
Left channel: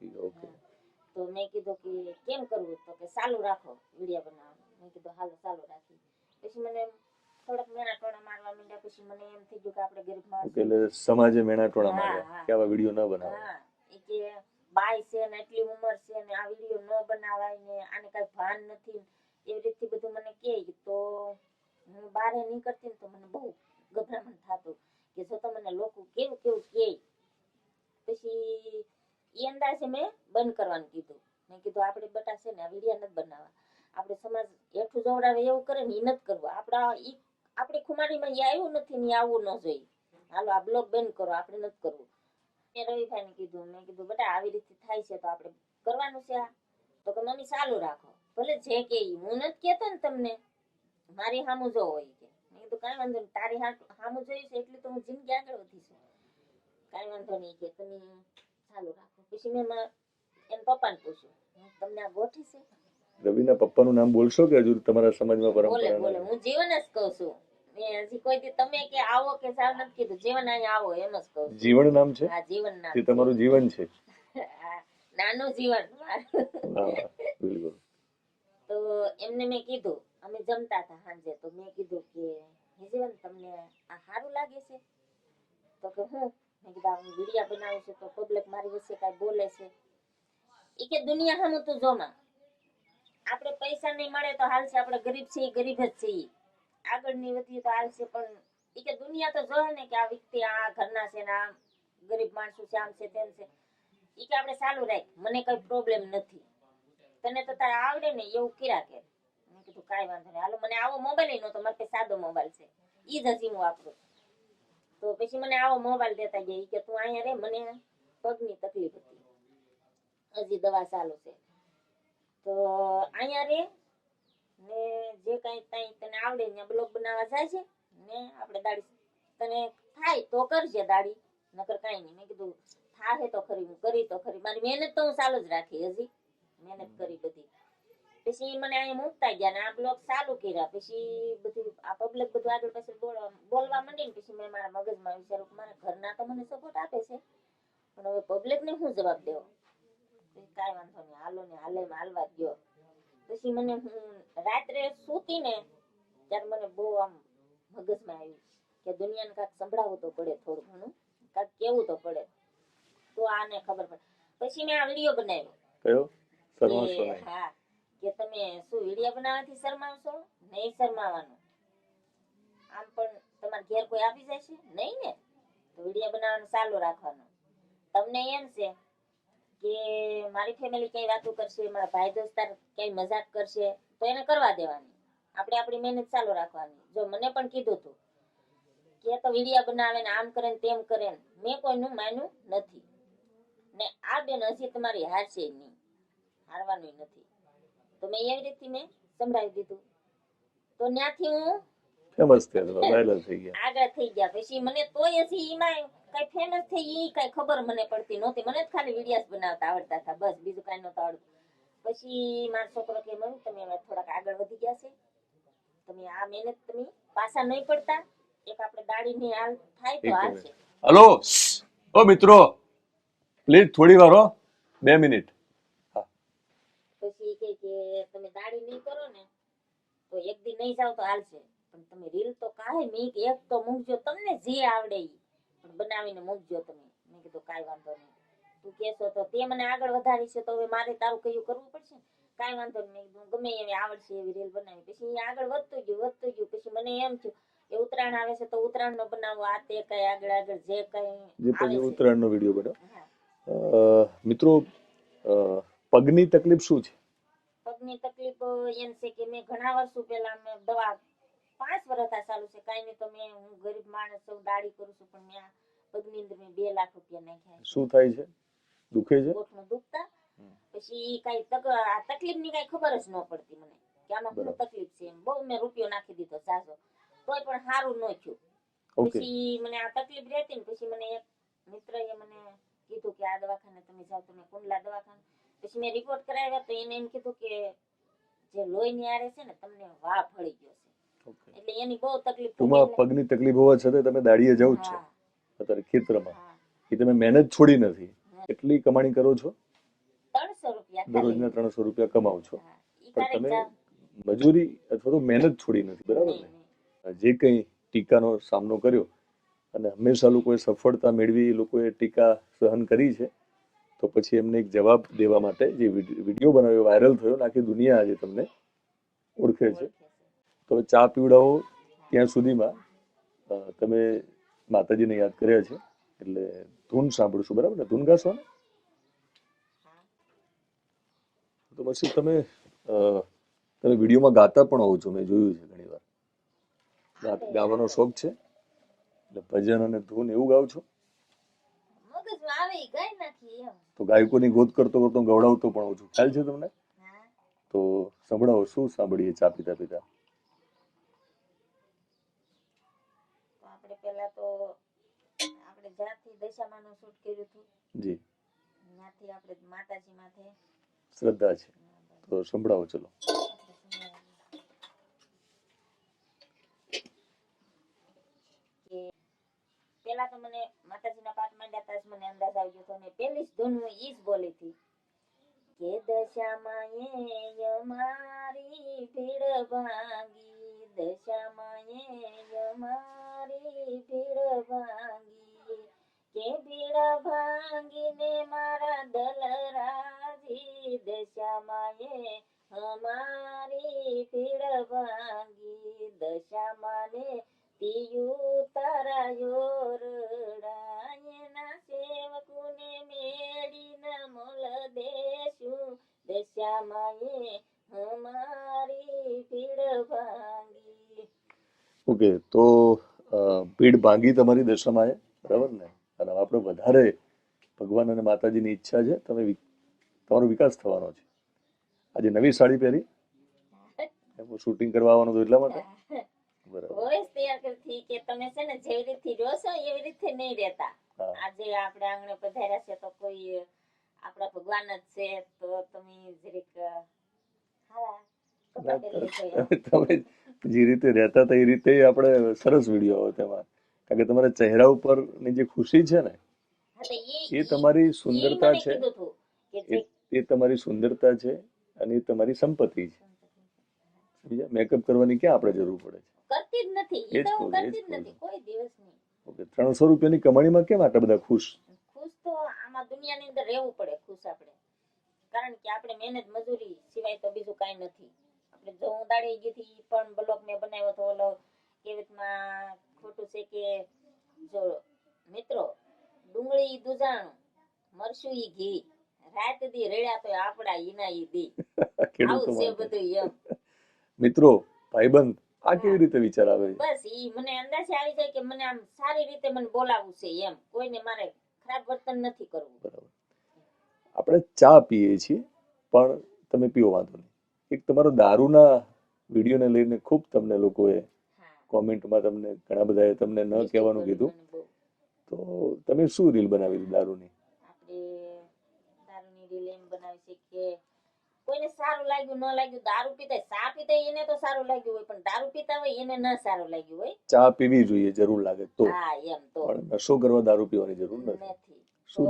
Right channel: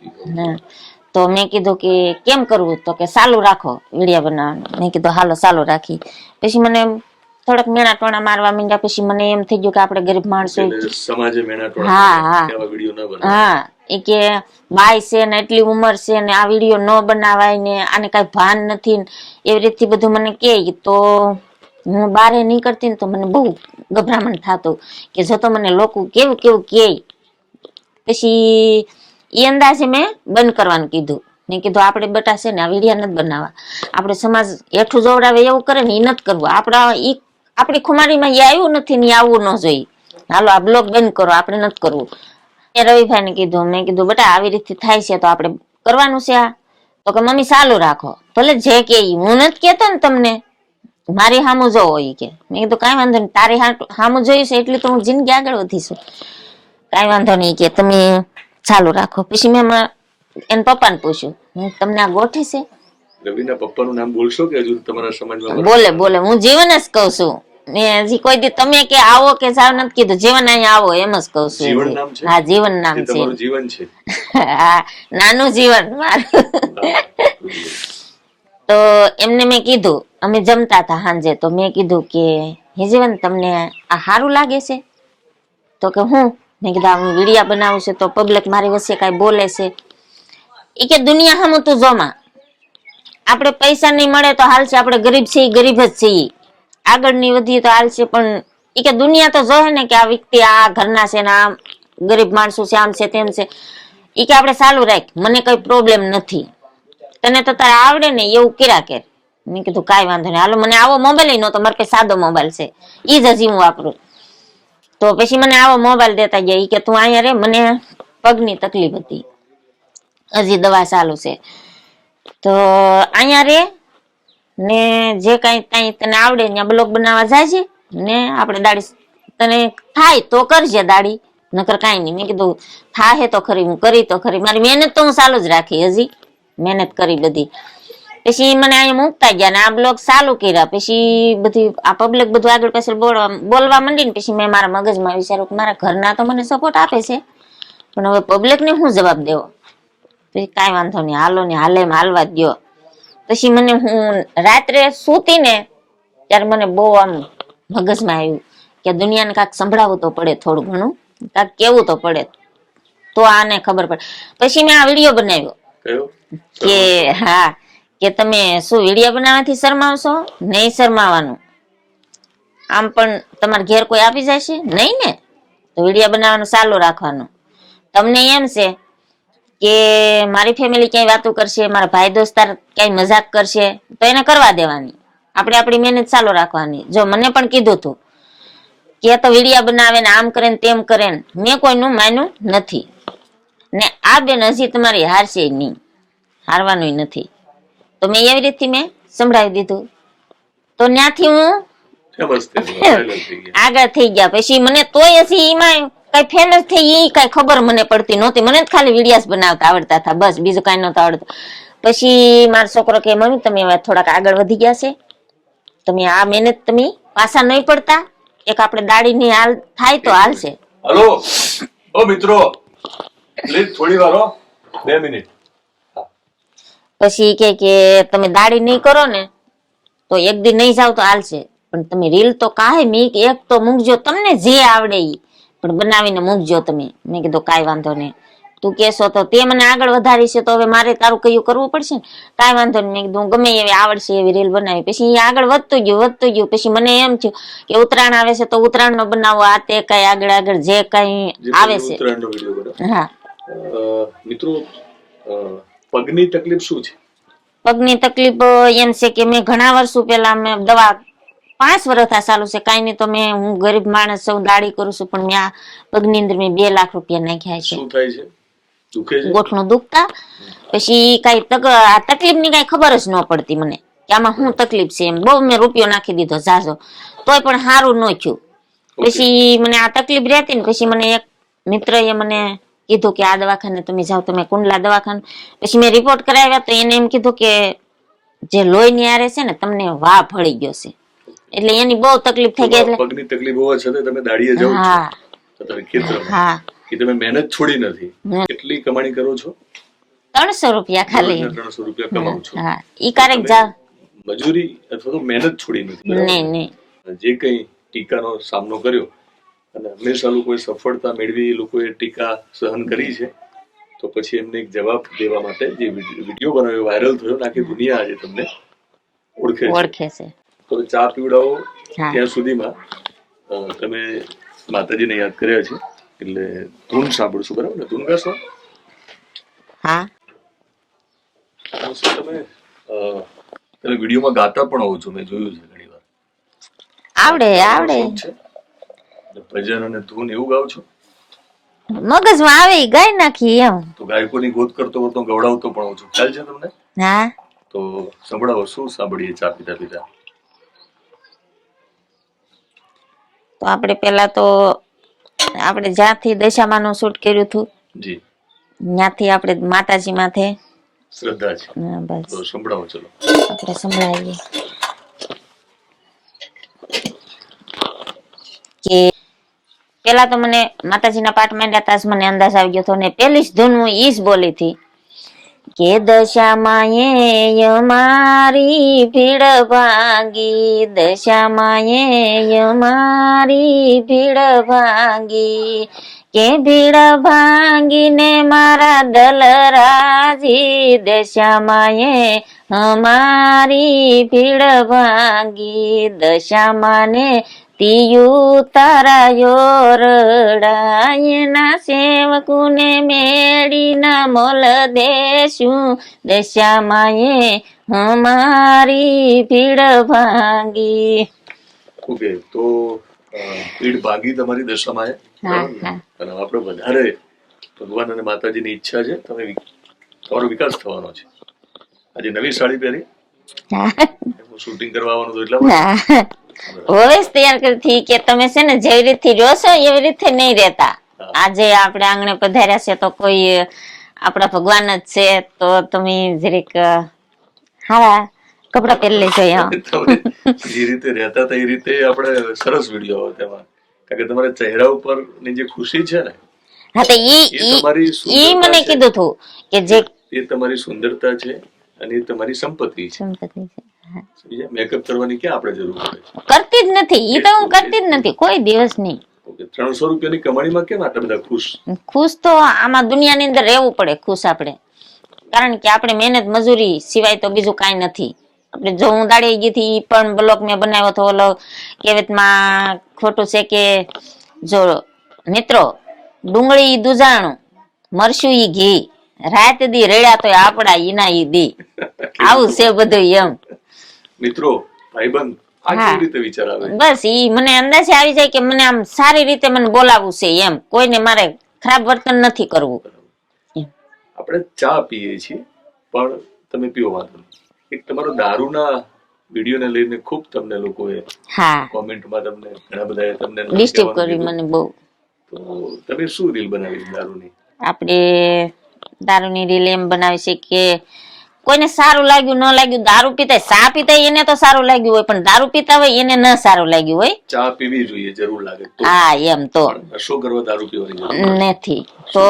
તો મેં કીધું કે કેમ કરવું? તો કે ચાલુ રાખો વિડીયો બનાવવાનું. મેં કીધું હાલો ચાલુ રાખી. પછી મને થોડાક મેણા ટોણા મારવા માંડ્યા. પછી મને એમ થઈ ગયું કે આપણે ગરીબ માણસો, સમાજે મેણા ટોણા વિડીયો ન બનાવે. હા, એ કે બાય છે ને એટલી ઉંમર છે ને આ વિડીયો ન બનાવાય ને આને કઈ ભાન નથી, એવી રીતથી બધું મને કહે. તો હું બહાર નીકળતી ને તો મને બહુ ગભરામણ થતું કે જો તો મને લોકો કેવું કેવું કહે. પછી એ અંદાજે મેં બંધ કરવાનું કીધું. મેં કીધું આપણે બટા છે ને આ વિડીયો નથી બનાવવા, આપણે સમાજ હેઠું જોવડાવે એવું કરે ને એ નથી કરવું. આપણી ખુમારીમાં એ આવ્યું નથી ને આવવું ન જોઈએ. હાલો આ બ્લોગ બંધ કરો, આપણે નથી કરવું. મેં રવિભાઈ ને કીધું, મેં કીધું બેટા આવી રીતે થાય છે તો આપણે કરવાનું છે આ. તો કે મમ્મી ચાલુ રાખો, ભલે જે કે હું નથી કેતો ને તમને, મારી સામું જોવો એ કે. મેં કીધું કાંઈ વાંધો નહીં, તારી સામું જોયું છે એટલી તો હું જિંદગી આગળ વધીશું. કાંઈ વાંધો નહીં કે તમે ચાલુ રાખો. પછી મેં એને પપ્પાને પૂછ્યું, તમને આ ગોઠે છે? રવિના પપ્પાનું નામ બોલશો કે હજુ તમારા સમાજમાં? બોલે હું જીવન જ કહું છું. મેં હજી કોઈ દી તમે કે આવો કે જાવ નથી કીધું. જીવન અહીંયા આવો એમ જ કહું છું. જીવન નામ છે? હા, જીવન નામ છે. તમારું જીવન છે? હા, નાનું જીવન મારું. તો એમને મેં કીધું, અમે જમતા હતા સાંજે, તો મેં કીધું કે હે જીવન તમને આ સારું લાગે છે? તો કે હું? મેં કીધું હું વિડીયો બનાવું છે તો પબ્લિક મારી વચ્ચે કઈ બોલે છે. એ કે દુનિયા સામું તું જોમાં, આપણે પૈસા નહીં મળે તો હાલશે, આપણે ગરીબ છીએ, ગરીબ જ છીએ, આગળ નહીં વધીએ તો હાલશે, પણ એ કે દુનિયા તો જોહે ને કે આ વ્યક્તિ આ ઘરના છે ને આ ગરીબ માણસો છે, આમ છે તેમ છે. એ કે આપણે ચાલુ રાખ, મને કઈ પ્રોબ્લેમ નથી, તને તો તારે આવડે ને એવું કર્યા કર. મેં કીધું કાંઈ વાંધો નહીં, હાલો મને આવો મોબાઈલ નહોતો, મારે પાસે સાદો મોબાઈલ છે, એ જ હજી હું વાપરું. તો પછી મને આવો મોબાઈલ દેતા ગયા. કે તું અહીંયા રે, મને પગની તકલીફ હતી, હજી દવા ચાલુ છે, તો અહીંયા રે ને જે કઈ તને આવડે ત્યાં બ્લોગ બનાવવા જાય છે ને આપણે દાડી તને થાય તો કરજે દાડી, નકર કાંઈ નહીં. મેં કીધું થાય તો ખરી, હું કરી તો ખરી, મારી મહેનત તો હું ચાલુ જ રાખી, હજી મહેનત કરી બધી. પછી મને અહીંયા મૂકતા ગયા ને આ બ્લોગ ચાલુ કર્યા. પછી બધી આ પબ્લિક બધું આગળ પાછળ બોલવા માંડી ને પછી મેં મારા મગજમાં વિચાર્યું કે મારા ઘરના તો મને સપોર્ટ આપે છે, પણ હવે પબ્લિકને શું જવાબ દેવો? પછી કાંઈ વાંધો નહીં, હાલો ને હાલે એમ હાલવા જ દો. પછી મને હું રાત્રે સૂતી ને ત્યારે મને બહુ આમ મગજમાં આવ્યું કે દુનિયાને કાંઈક સંભળાવવું તો પડે, થોડું ઘણું કાંઈક કેવું તો પડે, તો આને ખબર પડે. પછી મેં આ વિડીયો બનાવ્યો કે હા કે તમે શું વિડીયો બનાવવાથી શરમાવશો? નહીં શરમાવાનું. આમ પણ તમારે ઘેર કોઈ આપી જાય છે નહીં ને, તો વિડીયો બનાવવાનું ચાલુ રાખવાનું. તમને એમ છે કે મારી ફેમિલી ક્યાંય વાતો કરશે, મારા ભાઈ દોસ્તાર ક્યાંય મજાક કરશે, તો એને કરવા દેવાની, આપણે આપણી મહેનત ચાલુ રાખવાની. જો મને પણ કીધું હતું કે તો વિડીયો બનાવે ને આમ કરે ને તેમ કરે ને, મેં કોઈનું માન્યું નથી ને આ બેન હજી તમારી હારશે નહીં, હારવાનું નથી. તો મેં એવી રીતથી મેં સંભળાવી દીધું. તો ત્યાંથી હું આગળ થઈ ગયા. પછી મને તોય હજી એમાં કઈ ફેમસ થઈ એ કઈ ખબર મને પડતી નહોતી. મને જ ખાલી વિડીયાસ બનાવતા આવડતા હતા, બસ, બીજું કઈ નહોતું આવડતું. પછી મારો છોકરો કે મમ્મી તમે હવે થોડાક આગળ વધી ગયા છે, તમે આ મહેનત તમે પાછા નહીં પડતા, એક આપણે દાડીની હાલ થાય તો હાલશે. હલો ઓ મિત્રો, પ્લીઝ થોડી વાર 2 મિનિટ. પછી કે તમે દાઢી નહીં કરો ને તો એક દી નહીં જાવ તો હાલશે, પણ તમે રીલ તો કાંઈ એક તો મૂકજો, તમને જે આવડે ઈ પણ બનાવીને મૂકજો તમે. મેં કીધું કાંઈ વાંધો નહીં, તું કેશો તો તે મને આગળ વધારી છે તો હવે મારે તારું કયું કરવું પડશે ને. કાંઈ વાંધો નહીં, મેં કીધું ગમે એવી આવડશે એવી રીલ બનાવી. પછી આગળ વધતું ગયું. પછી મને એમ થયું કે ઉત્તરાયણ આવે છે તો ઉત્તરાયણ નો બનાવો, આ તે કઈ આગળ જે કઈ આવે છે. ઉત્તરાયણનો વિડીયો બનાવો. હા મિત્રો, પગની તકલીફ શું છે? પગની તકલીફ એમ છે કે મેં ઘણા વર્ષો પહેલા મેં દવા 5 વર્ષ ચાલુ છે, કાંઈ નહીં તો હું ગરીબ માણસ છું, દાડી કરું છું, પણ મેં આ પગની અંદર મેં 2 લાખ રૂપિયા નાખ્યા છે. શું થાય છે? દુખે છે? ગોઠણું દુખતા. પછી કઈ તકલીફ ની કઈ ખબર જ ન પડતી મને કે આમાં શું તકલીફ છે. એમ બહુ મેં રૂપિયો નાખી દીધો ઝાઝો, તોય પણ સારું ન થયું. પછી મને આ તકલીફ રહેતી ને પછી મને એક મિત્ર એ મને કીધું કે આ દવાખાને તમે જાઓ, તમે કુંડલા દવાખાને. પછી મેં રિપોર્ટ કરાવ્યા તો એને એમ કીધું કે જે લોહી ની આરે છે ને તમને વાહ ભળી ગયો છે, એટલે એની બહુ તકલીફ થઈ ગઈ. એટલે પગની તકલીફ હોવા છતાં તમે દાડીએ જાવ છો અત્યારે ખેતરમાં. હા, કે તમે મહેનત છોડી નથી. કેટલી કમાણી કરો છો? 300 રૂપિયા ખાલી. 300 રૂપિયા કમાવ છો. હા, ઈ ક્યારેક જા મજૂરી અથવા તો મહેનત છોડી નથી. નહીં. જે કઈ ટીકાનો સામનો કર્યો અને હંમેશા લોકોએ સફળતા મેળવી, લોકોએ ટીકા સહન કરી છે, તો પછી એમને એક જવાબ દેવા માટે જે વિડીયો બનાવ્યો, વાયરલ થયો, આખી દુનિયા આજે તમને ઓળખે છે. તો ચા પીવડાવો ત્યાં સુધીમાં તમે માતાજીને યાદ કર્યા છે, એટલે ધૂન સાંભળશું, બરાબર ને? ધૂન ગાશો? હા. પછી તમે વિડીયોમાં ગાતા પણ હોવ છો, મેં જોયું છે ઘણી વાર. આવડે છે ભજન અને ધૂન એવું ગાવ છો? મગજમાં આવે ગાઈ નાખી એમ. તો ગાયકોની ગોત કરતો ગવડાવતો પણ હોઉં છું, ખ્યાલ છે તમને? હા. તો સંભળાવો, શું સાંભળીએ ચા પીતા પીતા? તો આપણે પેલા તો આપણે જ્યાંથી દશામાનું શૂટ કર્યું હતું જી, ત્યાંથી આપણે માતાજી માથે શ્રદ્ધા છે. બસ તો સંભળાવો, ચલો આપણે સંભળાવીએ કે પેલા તો મને માતાજીના પાઠ માંડ્યા તા મને અંદાજ આવી ગયો હતો, ને પેલી જ ધૂન હું ઈ જ બોલી હતી કે દશામાએ અમારી ભીડ ભાંગી, દશામાએ અમારી ભીડ ભાંગી, કે ભીડ ભાંગીને મારા દલરાજી, દશામાએ અમારી ભીડ ભાંગી, દશામાને તિયુ તારાયો રડાયના સેવકુને મેળીના મોલ દેશું, દશામાએ અમારી ભીડ ભાંગી. ઓકે, તો ભીડ ભાગી તમારી દશામાએ, અને આપણે વધારે ભગવાન અને માતાજીની ઈચ્છા છે, તમારો વિકાસ થવાનો છે. આજે નવી સાડી પહેરી, શૂટિંગ કરવા આવવાનું હતું એટલા હવે તૈયાર કરી કે તમે છે ને જેવી રીતે જોશો એવી રીતે નહીં રહેતા. આજે આપણે આંગણે પધાર્યા છે તો કોઈ આપણા ભગવાન જ છે, તો તમે જરીક હારા કપડા પહેરી લેજો. જે રીતે રહેતા હતા એ રીતે આપણે સરસ વિડીયો આવે તેમાં, કારણ કે તમારા ચહેરા ઉપર ની જે ખુશી છે ને, હા તો ઈ મને કીધું હતું કે જે એ તમારી સુંદરતા છે અને એ તમારી સંપત્તિ છે. મેકઅપ કરવાની ક્યાં આપણે જરૂર પડે? કરતી જ નથી, ઈ તો હું કરતી જ નથી કોઈ દિવસ નહીં. 300 રૂપિયાની કમાણીમાં કેમ આટલા બધા ખુશ તો આમાં દુનિયાની અંદર રહેવું પડે ખુશ આપણે, કારણ કે આપણે મહેનત મજૂરી સિવાય તો બીજું કાંઈ નથી. આપણે જો હું દાડી ગઈ હતી પણ બ્લોગ મેં બનાવ્યો હતો, ઓલો કહેવતમાં ખોટું છે કે જો મિત્રો ડુંગળી દુજાણું મરશું ઈ ઘી, રાત દી રેડ્યા તો આપડા ઈના ઈ દી, આવું છે બધું એમ. મિત્રો ભાઈબંધ આ કેવી રીતે વિચાર આવે? બસ ઈ મને અંદાજે આવી જાય કે મને આમ સારી રીતે મને બોલાવવું છે એમ, કોઈને મારે ખરાબ વર્તન નથી કરવું. આપણે ચા પીએ છીએ પણ તમે પીવો વાંધો નહીં. એક તમારો દારૂના વિડીયોને લઈને ખૂબ તમને લોકોએ કોમેન્ટમાં તમને ઘણા બધાએ તમને ડિસ્ટર્બ કરી મને બહુ. તો તમે શું રીલ બનાવી દારૂની? આપણે દારૂની રીલ એમ બનાવી છે કે કોઈને સારું લાગ્યું ન લાગ્યું, દારૂ પીતા ચા પીતા એને તો સારું લાગ્યું હોય, પણ દારૂ પીતા હોય એને ન સારું લાગ્યું હોય. ચા પીવી જોઈએ જરૂર લાગે તો. હા એમ તો નશો કરવા દારૂ પીવાની જરૂર નથી. તો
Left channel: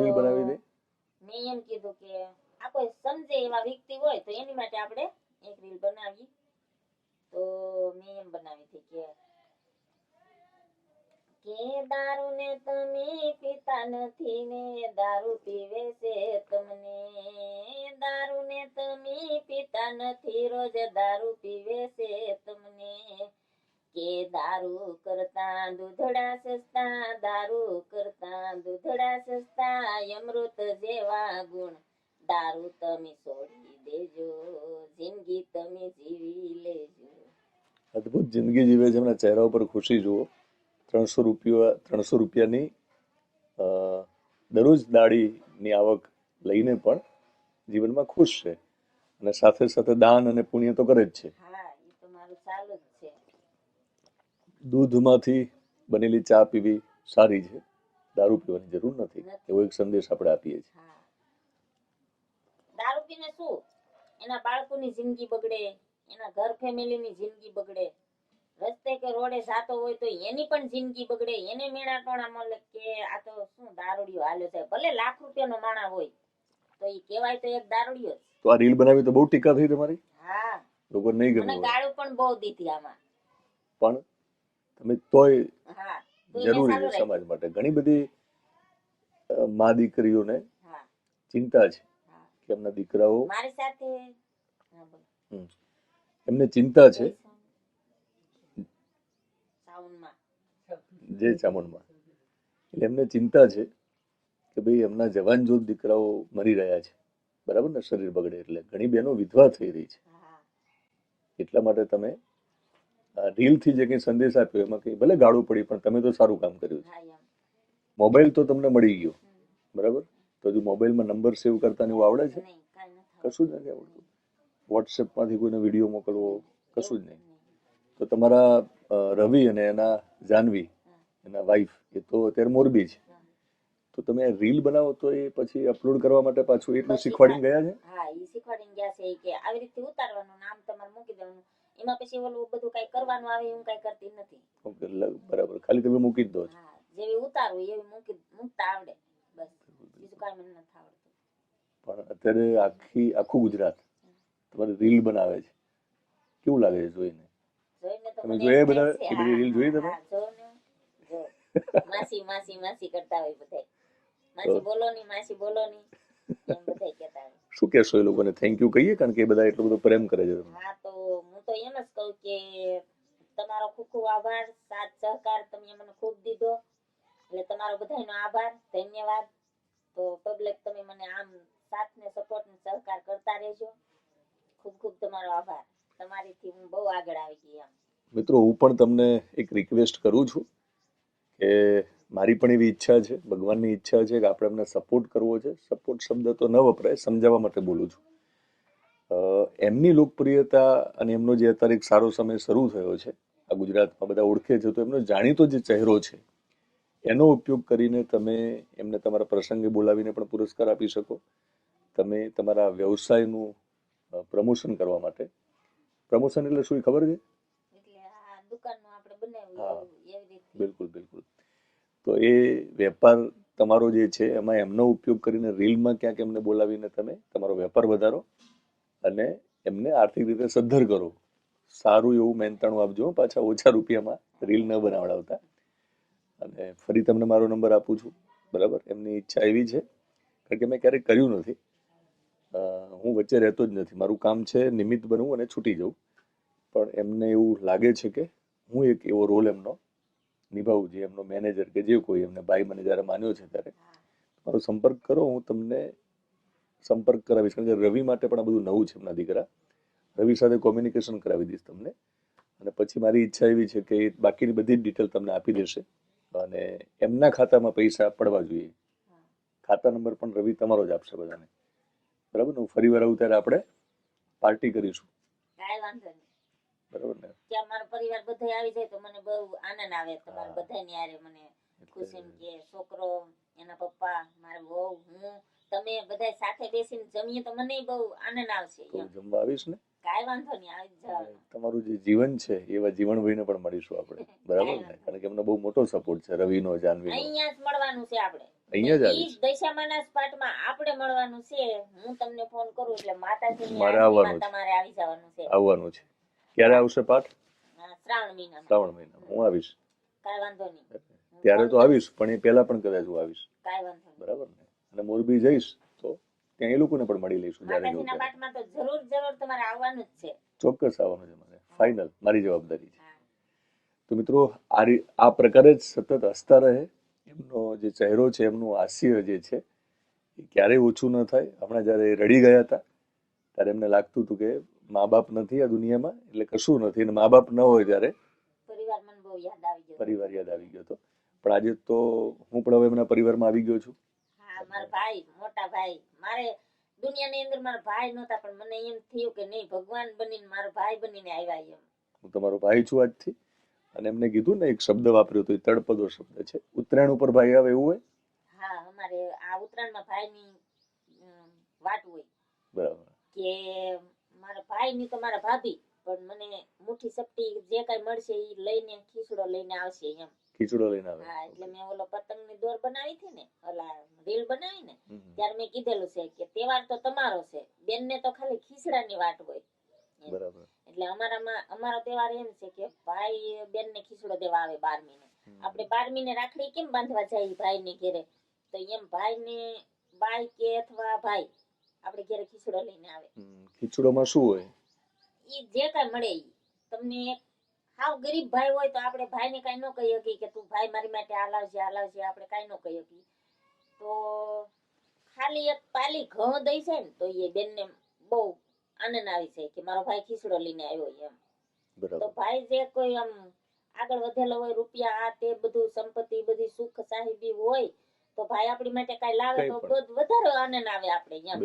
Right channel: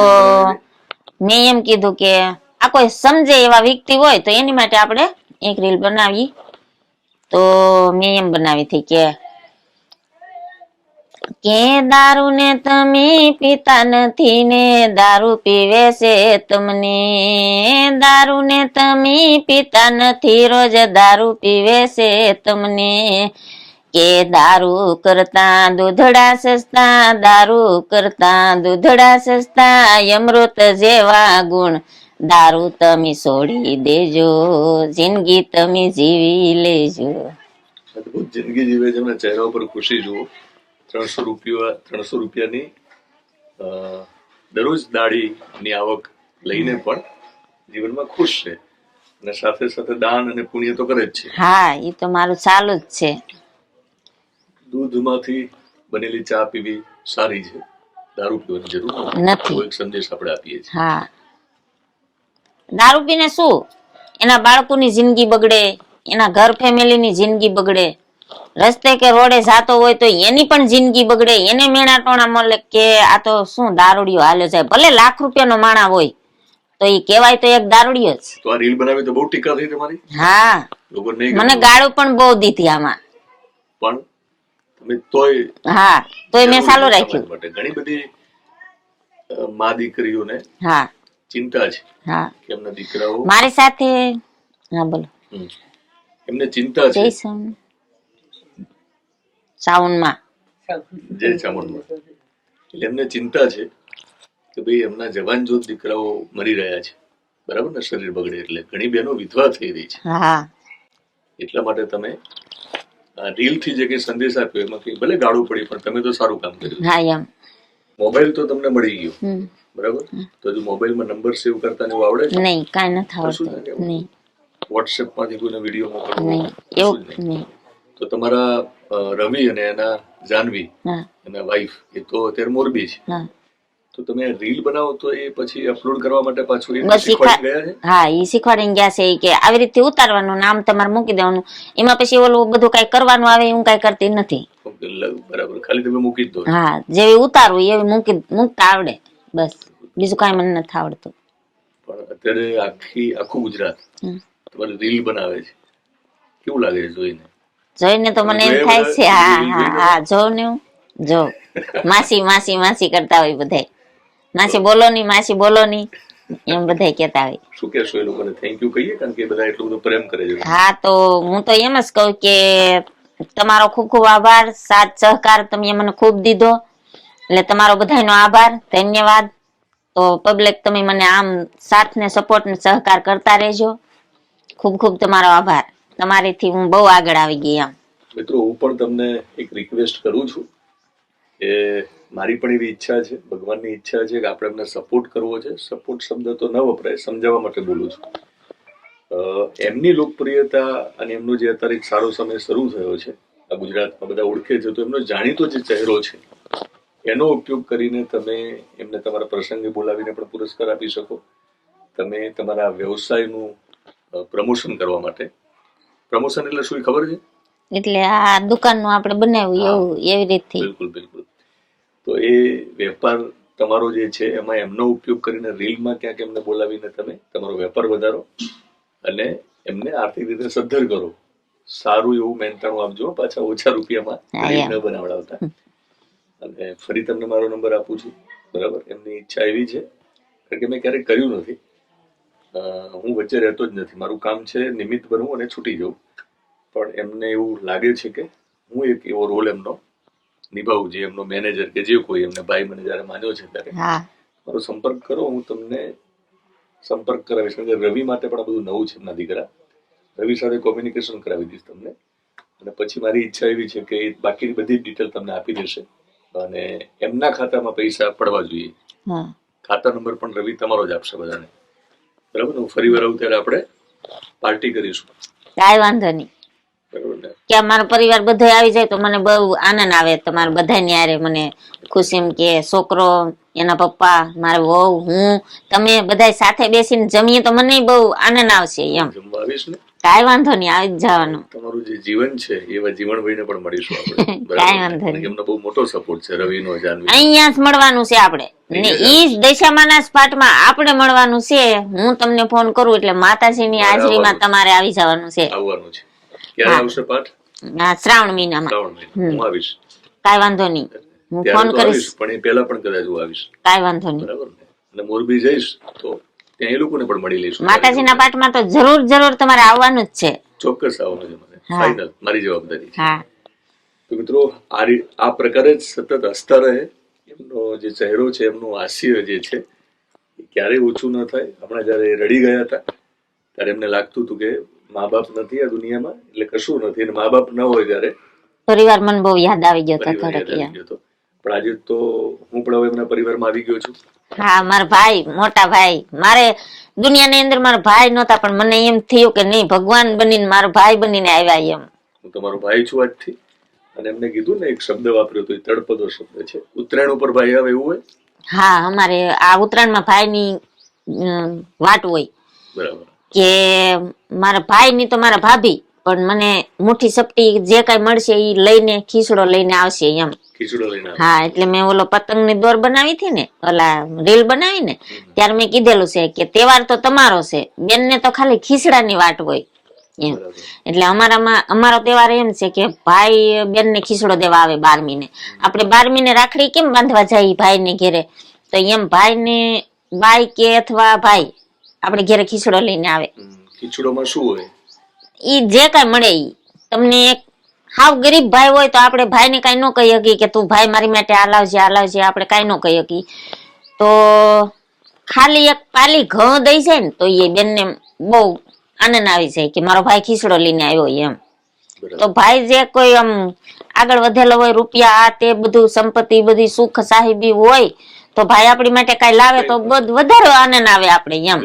મેં એમ કીધું કે આ કોઈ સમજે એવા વ્યક્તિ હોય તો એની માટે આપણે એક રીલ બનાવી. તો મેં એમ બનાવી હતી કે દારૂ ને તમે પીતા નથી ને દારૂ પીવે છે તમને, દારૂ ને તમે પીતા નથી રોજ દારૂ પીવે છે તમને, કે દારૂ કરતા દૂધડા સસ્તા, દારૂ કરતા દૂધડા સસ્તા, અમૃત જેવા ગુણ દારૂ તમે છોડી દેજો, જિંદગી તમે જીવી લેજો. અદભુત જિંદગી જીવે છે, એમના ચહેરા ઉપર ખુશી જુઓ. 300 રૂપિયાની દરરોજ દાડીની આવક લઈને પણ જીવનમાં ખુશ છે અને સાથે સાથે દાન અને પુણ્ય તો કરે જ છે. હા, એ તો મારું ચાલુ જ છે. દૂધમાંથી બનેલી ચા પીવી સારી છે, દારૂ પીવાની જરૂર નથી. કોઈ સંદેશ આપણે આપીએ છીએ. હા, દારૂ પીને શું એના બાળકોની જિંદગી બગડે, એના ઘર ફેમિલીની જિંદગી બગડે, રસ્તે કે રોડે જાતો હોય તો એની પણ જિંદગી બગડે, એને મેણા ટોણા મળે કે આ તો શું દારૂડિયો હાલ્યો જાય, ભલે લાખ રૂપિયાનો માણા હોય તો એ કહેવાય તો એક દારૂડિયો જ. તો આ રીલ બનાવી તો બહુ ટીકા થઈ તમારી. હા, લોકો નહીં મને ગાળું પણ બહુ દીધી આમાં, પણ તમે તોય હા તોય મેં ચાલુ રાખ્યું. માટે ઘણી બધી મા દીકરીઓને હા ચિંતા છે હા, કે એમના દીકરાઓ મારી સાથે. હા બોલો. એમને ચિંતા છે જય સાઉન્ડમાં જય ચામુંડમાં, એટલે એમને ચિંતા છે કે ભાઈ એમના જવાન જોત દીકરાઓ મરી રહ્યા છે, બરાબર ને, શરીર બગડે એટલે ઘણી બહેનો વિધવા થઈ રહી છે. હા, એટલા માટે તમે રીલ થી જે કઈ સંદેશ આપ્યો એમાં કઈ ભલે ગાળું પડી પણ તમે તો સારું કામ કર્યું. હા એમ. મોબાઈલ તો તમને મળી ગયો, બરાબર, તો હજુ મોબાઈલમાં નંબર સેવ કરતા ને એવું આવડે છે? નહીં, કાંઈ નથી આવડતું. નહીં. વોટ્સએપ માંથી કોઈને વિડીયો મોકલવો નહીં, એવું નહીં. તો તમારા રવિ અને એના જાનવી હા એના વાઈફ એ તો અત્યારે મોરબી છે, હા, તો તમે રીલ બનાવો તો એ પછી અપલોડ કરવા માટે પાછું એ બસ શીખવાડી ગયા છે? હા, એ શીખવાડીને ગયા છે કે આવી રીતે ઉતારવાનું, નામ તમારે મૂકી દેવાનું, એમાં પછી ઓલું બધું કઈ કરવાનું આવે હું કઈ કરતી નથી. બરાબર, ખાલી તમે મૂકી જ દો. હા, જેવી ઉતારવું એવી મૂકતા આવડે, બસ બીજું કઈ મને નથી આવડતું. પણ અત્યારે આખું ગુજરાત તમારી રીલ બનાવે છે, કેવું લાગે છે જોઈને? જોઈને તો મને એમ થાય છે, હા હા હા, જોઉં ને હું જોઉં. માસી માસી માસી કરતા હોય બધાય, માસી બોલો ની, માસી બોલો ની, એમ બધાય કેતા હોય. શું કહેશો એ લોકોને? થેન્ક યુ કહીએ, કારણ કે બધા એટલો બધો પ્રેમ કરે છે. હા, તો હું તો એમ જ કહું કે તમારો ખૂબ ખૂબ આભાર, સાથ સહકાર તમે મને ખૂબ દીધો, એટલે તમારો બધાનો આભાર, ધન્યવાદ. તો પબ્લિક તમે મને આમ સાથ ને સપોર્ટ ને સહકાર કરતા રહેજો. ખૂબ ખૂબ તમારો આભાર, તમારીથી હું બહુ આગળ આવી ગઈ. આમ મિત્રો, હું પણ તમને એક રિક્વેસ્ટ કરું છું કે મારી પણ એવી ઈચ્છા છે, ભગવાનની ઈચ્છા છે કે આપણે એમને સપોર્ટ કરવો છે. સપોર્ટ શબ્દ તો ન વપરાય, સમજાવવા માટે બોલું છું. એમની લોકપ્રિયતા અને એમનો જે અત્યારે એક સારો સમય શરૂ થયો છે, આ ગુજરાતમાં બધા ઓળખે છે, તો એમનો જાણીતો જે ચહેરો છે એનો ઉપયોગ કરીને તમે એમને તમારા પ્રસંગે બોલાવીને પણ પુરસ્કાર આપી શકો. તમે તમારા વ્યવસાયનું પ્રમોશન કરવા માટે, પ્રમોશન એટલે શું ખબર છે? એટલે આ દુકાનનું આપણે બનાવ્યું એવું, એવી રીતે. બિલકુલ બિલકુલ. તો એ વેપાર તમારો જે છે એમાં એમનો ઉપયોગ કરીને રીલમાં ક્યાંક એમને બોલાવીને તમે તમારો વેપાર વધારો અને એમને આર્થિક રીતે સદ્ધર કરો. સારું એવું મહેનતાણું આપજો, પાછા ઓછા રૂપિયામાં રીલ ન બનાવડાવતા. અને ફરી તમને મારો નંબર આપું છું, બરાબર. એમની ઈચ્છા એવી છે, કારણ કે મેં ક્યારેક કર્યું નથી, હું વચ્ચે રહેતો જ નથી, મારું કામ છે નિમિત્ત બનવું અને છૂટી જવું, પણ એમને એવું લાગે છે કે હું એક એવો રોલ એમનો નિભાવું, જે એમનો મેનેજર કે જે કોઈ એમને ભાઈ મને જયારે માન્યો છે ત્યારે મારો સંપર્ક કરો, હું તમને સંપર્ક કરાવીશ. કારણ કે રવિ માટે પણ આ બધું નવું છે, એમના દીકરા રવિ સાથે કોમ્યુનિકેશન કરાવી દઈશ તમને. અને પછી મારી ઈચ્છા એવી છે કે બાકીની બધી જ ડિટેલ તમને આપી દેશે અને એમના ખાતામાં પૈસા પડવા જોઈએ. ખાતા નંબર પણ રવિ તમારો જ આપશે બધાને, બરાબર. હું ફરી વાર આવું ત્યારે આપણે પાર્ટી કરીશું. કાંઈ વાંધો નહીં. કે મારો પરિવાર બધો આવી જાય તો મને બહુ આનંદ આવે. તમારે બધાની હારે મને ખુશી એમ કે છોકરો, એના પપ્પા, મારા વહુ, હું, તમે બધા સાથે બેસીને જમીએ તો મને બહુ આનંદ આવશે. એમ જમવા આવીશ ને? કાંઈ વાંધો નહીં, આવી જ જવાનું. તમારું જે જીવન છે એવા જીવનભાઈને પણ મળીશું આપણે. કાંઈ વાંધો નહીં. એમનો બહુ મોટો સપોર્ટ છે રવિનો, જાનવી. અહીંયા જ મળવાનું છે આપણે, ને ઈ દશામાના સ્પાટમાં આપણે મળવાનું છે. હું તમને ફોન કરું એટલે માતાજીની હાજરીમાં તમારે આવી જવાનું છે. આવવાનું છે. ક્યારે આવશે પાઠ? શ્રાવણ મહિનામાં. શ્રાવણ મહિના હું આવીશ. કાંઈ વાંધો નહીં, હું ત્યારે ફોન તો કરીશ. આવીશ, પણ એ પહેલા પણ કદાચ હું આવીશ. કાંઈ વાંધો નહીં. બરાબર ને? અને મોરબી જઈશ તો ત્યાં એ લોકોને પણ મળી લઈશું. માતાજીના પાઠમાં તો જરૂર તમારે આવવાનું જ છે. ચોક્કસ આવવાનું છે મને, ફાઇનલ, મારી જવાબદારી છે. હા તો મિત્રો આ પ્રકારે જ સતત હસતા રહે. એમનો જે ચહેરો છે, એમનું હાસ્ય જે છે એ ક્યારેય ઓછું ન થાય. હમણાં જયારે રડી ગયા હતા ત્યારે એમને લાગતું હતું કે મા બાપ નથી આ દુનિયામાં એટલે કશું નથી, અને મા બાપ ન હોય ત્યારે પરિવાર મને બહુ યાદ આવી ગયો હતો પરિવાર યાદ થોડોક. આવી ગયો હતો. પણ આજે તો હું પણ હવે એમના પરિવારમાં આવી ગયો છું. હા, મારા ભાઈ, મોટા ભાઈ. મારે દુનિયાની અંદર મારા ભાઈ નહોતા, પણ મને એમ થયું કે નહીં, ભગવાન બનીને મારો ભાઈ બનીને આવ્યા એમ. હું તમારો ભાઈ છું આજથી. અને એમને કીધું ને, એક શબ્દ વાપર્યો તો એ તળપદો શબ્દ છે. ઉત્તરાયણ ઉપર ભાઈ આવે એવું હોય? હા, અમારે આ ઉત્તરાયણમાં ભાઈની વાટ હોય બરાબર. કે મારા ભાઈ ની તો મારા ભાભી, પણ મને મુઠ્ઠી સપટી જે કઈ મળશે એ લઈને ખીચડો લઈને આવશે એમ. ખીચડો લઈને આવે. હા, એટલે મેં ઓલો પતંગ ની દોર બનાવી હતી ને, ઓલા રીલ બનાવી ને, ત્યારે મેં કીધેલું છે કે તહેવાર તો તમારો છે, બેન ને તો ખાલી ખીચડાની વાટ હોય એમ. બરાબર. એટલે અમારો તહેવાર એમ છે કે ભાઈ બેન ને ખીચડો દેવા આવે 12મી ને. આપણે 12મી ને રાખડી કેમ બાંધવા જાય ભાઈ ને ઘેરે, તો એમ ભાઈ ને બાઈ કે અથવા ભાઈ આપણે ઘેરે ખીચડો લઈને આવે. ખીચડોમાં શું હોય? ઈ જે કઈ મળે ઈ. તમને એક હાવ ગરીબ ભાઈ હોય તો આપણે ભાઈ ને કઈ ન કહી શકીએ કે તું ભાઈ મારી માટે આ લાવજે આપણે કઈ ન કહી શકીએ. તો ખાલી એક પાલી ઘઉં દઈ જાય ને તો એ બેન ને બહુ આનંદ આવી જાય કે મારો ભાઈ ખીચડો લઈને આવ્યો એમ. તો ભાઈ જે કોઈ આમ આગળ વધેલો હોય, રૂપિયા આ તે બધું સંપત્તિ બધી સુખ સાહેબી હોય, તો ભાઈ આપણી માટે કઈ લાવે તો વધારે આનંદ આવે આપણે એમ.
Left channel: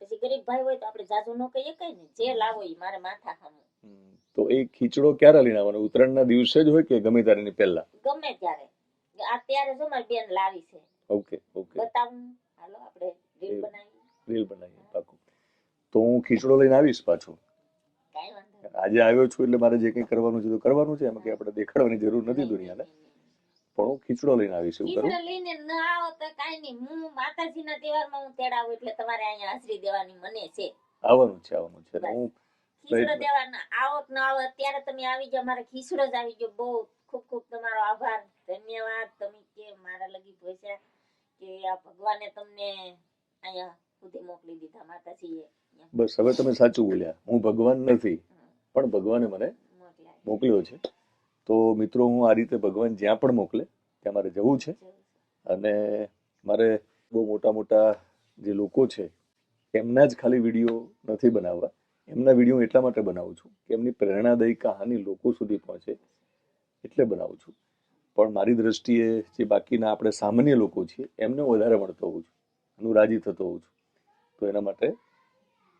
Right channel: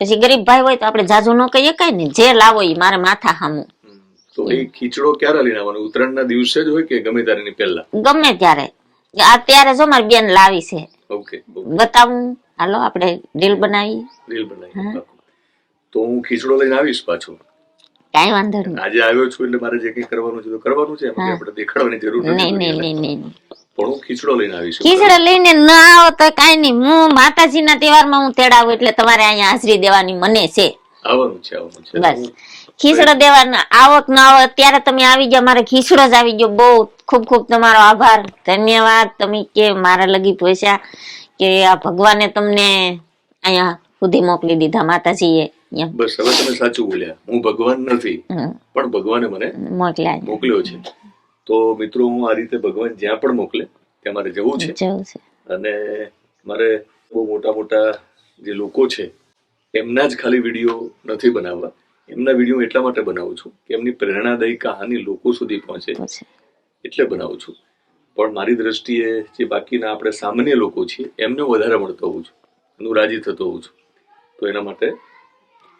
પછી ગરીબ ભાઈ હોય તો આપણે જાજુ ન કહીએ કઈ ને, જે લાવો એ મારે માથા સામું. તો એ ખીચડો ક્યારે લઈને આવવાનો? ઉત્તરાયણના દિવસે જ હોય કે ગમે ત્યારે પહેલા? ગમે ત્યારે. અત્યારે જો મારી બેન લાવી છે, ઓકે, બતાવું. હાલો આપણે રીલ બનાવી. રીલ બનાવી. તો હું ખીચડો લઈને આવીશ પાછું. કઈ વાંધો નહીં. આજે આવ્યો છું એટલે મારે જે કઈ કરવાનું છે તો કરવાનું છે, એમાં આપણે દેખાડવાની જરૂર નથી. નહીં. પણ હું ખીચડો લઈને આવીશ. ખીચડો લઈને ન આવો તો કઈ નહીં, હું માતાજીના તહેવારમાં હું તેડાવું એટલે તમારે અહીંયા હાજરી દેવાની મને છે. આવવાનું છે. બસ ખીચડો દેવાનો, આવો કે ના આવો, અત્યારે તમે આવી જાઓ, મારે ખીચડો જ આવી ગયો. બહુ ખૂબ ખૂબ તમારો આભાર, ધન્યવાદ. તમે કે મારા લગી પૈસા કે આ ભગવાને તમને અહીંયા સુધી મોકલી દીધા, માતાજીએ. બસ હવે તમે સાચું બોલ્યા, હું ભગવાન નથી, પણ ભગવાને મને મોકલ્યો છે. તો મિત્રો, હું આ રીતે ભગવાન જ્યાં પણ મોકલે ત્યાં મારે જવું છે. અને મારે બહુ મોટા જે લોકો છે એમના જ ખાલી વિડીયો નથી બનાવવા. એમના વિડીયો એટલા માટે બનાવું છું કે એમની પ્રેરણાદાયી કહાની લોકો સુધી પહોંચે એટલે બનાવું છું. પણ મારી દ્રષ્ટિએ જે બાકીના આપણે સામાન્ય લોકો છીએ એમને વધારે મળતો હોઉં છું, હું રાજી થતો હોઉં છું. તો એના માટે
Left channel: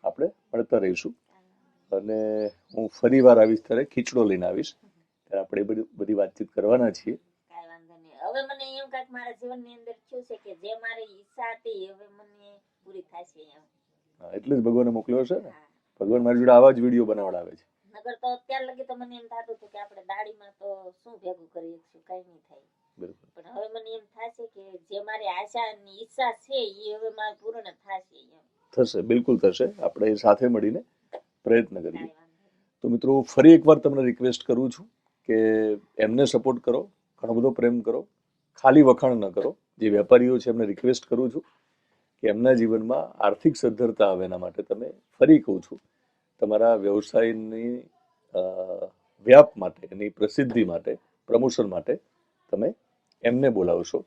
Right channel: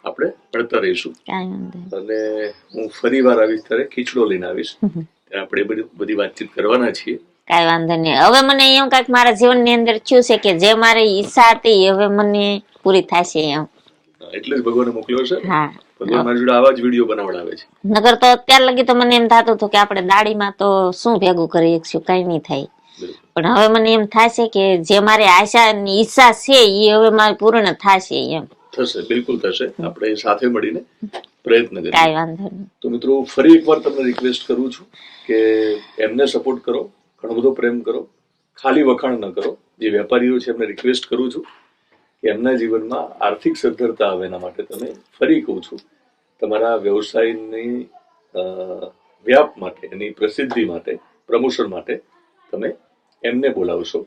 આપણે અડતા રહીશું. અને હું ફરી વાર આવીશ ત્યારે ખીચડો લઈને આવીશ, ત્યારે આપણે બધી વાતચીત કરવાના છીએ. કઈ વાંધો નહીં. હવે મને એમ કઈક મારા જીવનની અંદર થયું છે કે જે મારી ઈચ્છા હતી હવે મને પૂરી થશે એમ. એટલે જ ભગવાને મોકલ્યો છે. હા, ભગવાન મારી જોડે આવા જ વિડીયો બનાવડાવે છે. નગર તો અત્યાર લગી તો મને એમ થતું હતું કે આપણે દાડીમાં તો શું ભેગું કરી શકશું, કઈ નહીં થાય. પણ હવે મને એમ થાય છે કે જે મારી આશા ની ઈચ્છા છે એ હવે મારી પૂર્ણ થશે એમ. થશે, બિલકુલ થશે. આપણે સાથે મળીને પ્રયત્ન કરીએ. કઈ વાંધો નહીં. તો મિત્રો, ફરી એકવાર તમને રિક્વેસ્ટ કરું છું કે એમને સપોર્ટ કરો, ઘણો બધો પ્રેમ કરો, ખાલી વખાણ ન કરો. જે વેપારીઓ છે એમને રિક્વેસ્ટ કરું છું કે એમના જીવનમાં આર્થિક સદ્ધરતા આવે એના માટે તમે, ફરી કહું છું, તમારા વ્યવસાયની વ્યાપ માટે, એની પ્રસિદ્ધિ માટે, પ્રમોશન માટે તમે એમને બોલાવશો.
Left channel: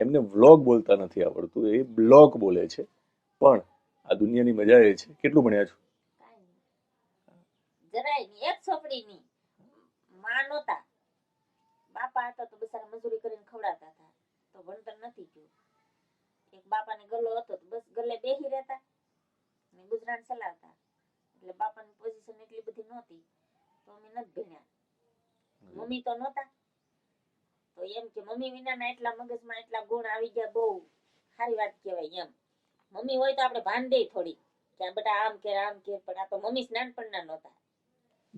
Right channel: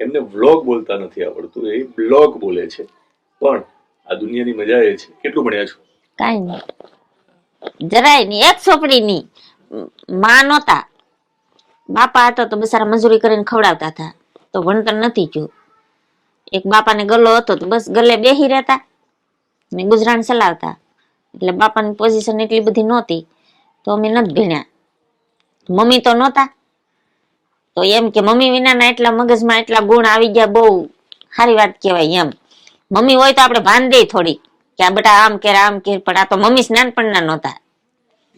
એમને વ્લોગ બોલતા નથી આવડતું, એ બ્લોગ બોલે છે. પણ આ દુનિયાની મજા એ છે. કેટલું ભણ્યા છો? કઈ નહીં, જરાય નહીં. એક છોકરી ની માં નહોતા, બાપા હતા તો બસારા મજૂરી કરીને ખવડાવતા હતા, તો ભણતર નથી ગયું. એક બાપાને ગલ્લો હતો તો બસ ગલ્લે બેહી રહેતા ને ગુજરાન ચલાવતા. એટલે બાપાની પોઝિશન એટલી બધી નહોતી તો અમે નથી ભણ્યા. મમ્મી તો નહોતા, તો એમ કે મમ્મી વિનાના એટલા મગજમાં એટલા ગુણ આવી ગયા, બહુ સારી વાત કહેવાય એમ. મમ્મી હોય તો આપણે ભાન દે થોડી કે આ બેટા આમ કે આમ કે, પણ આ તો મમ્મી નાનપણના નહોતા.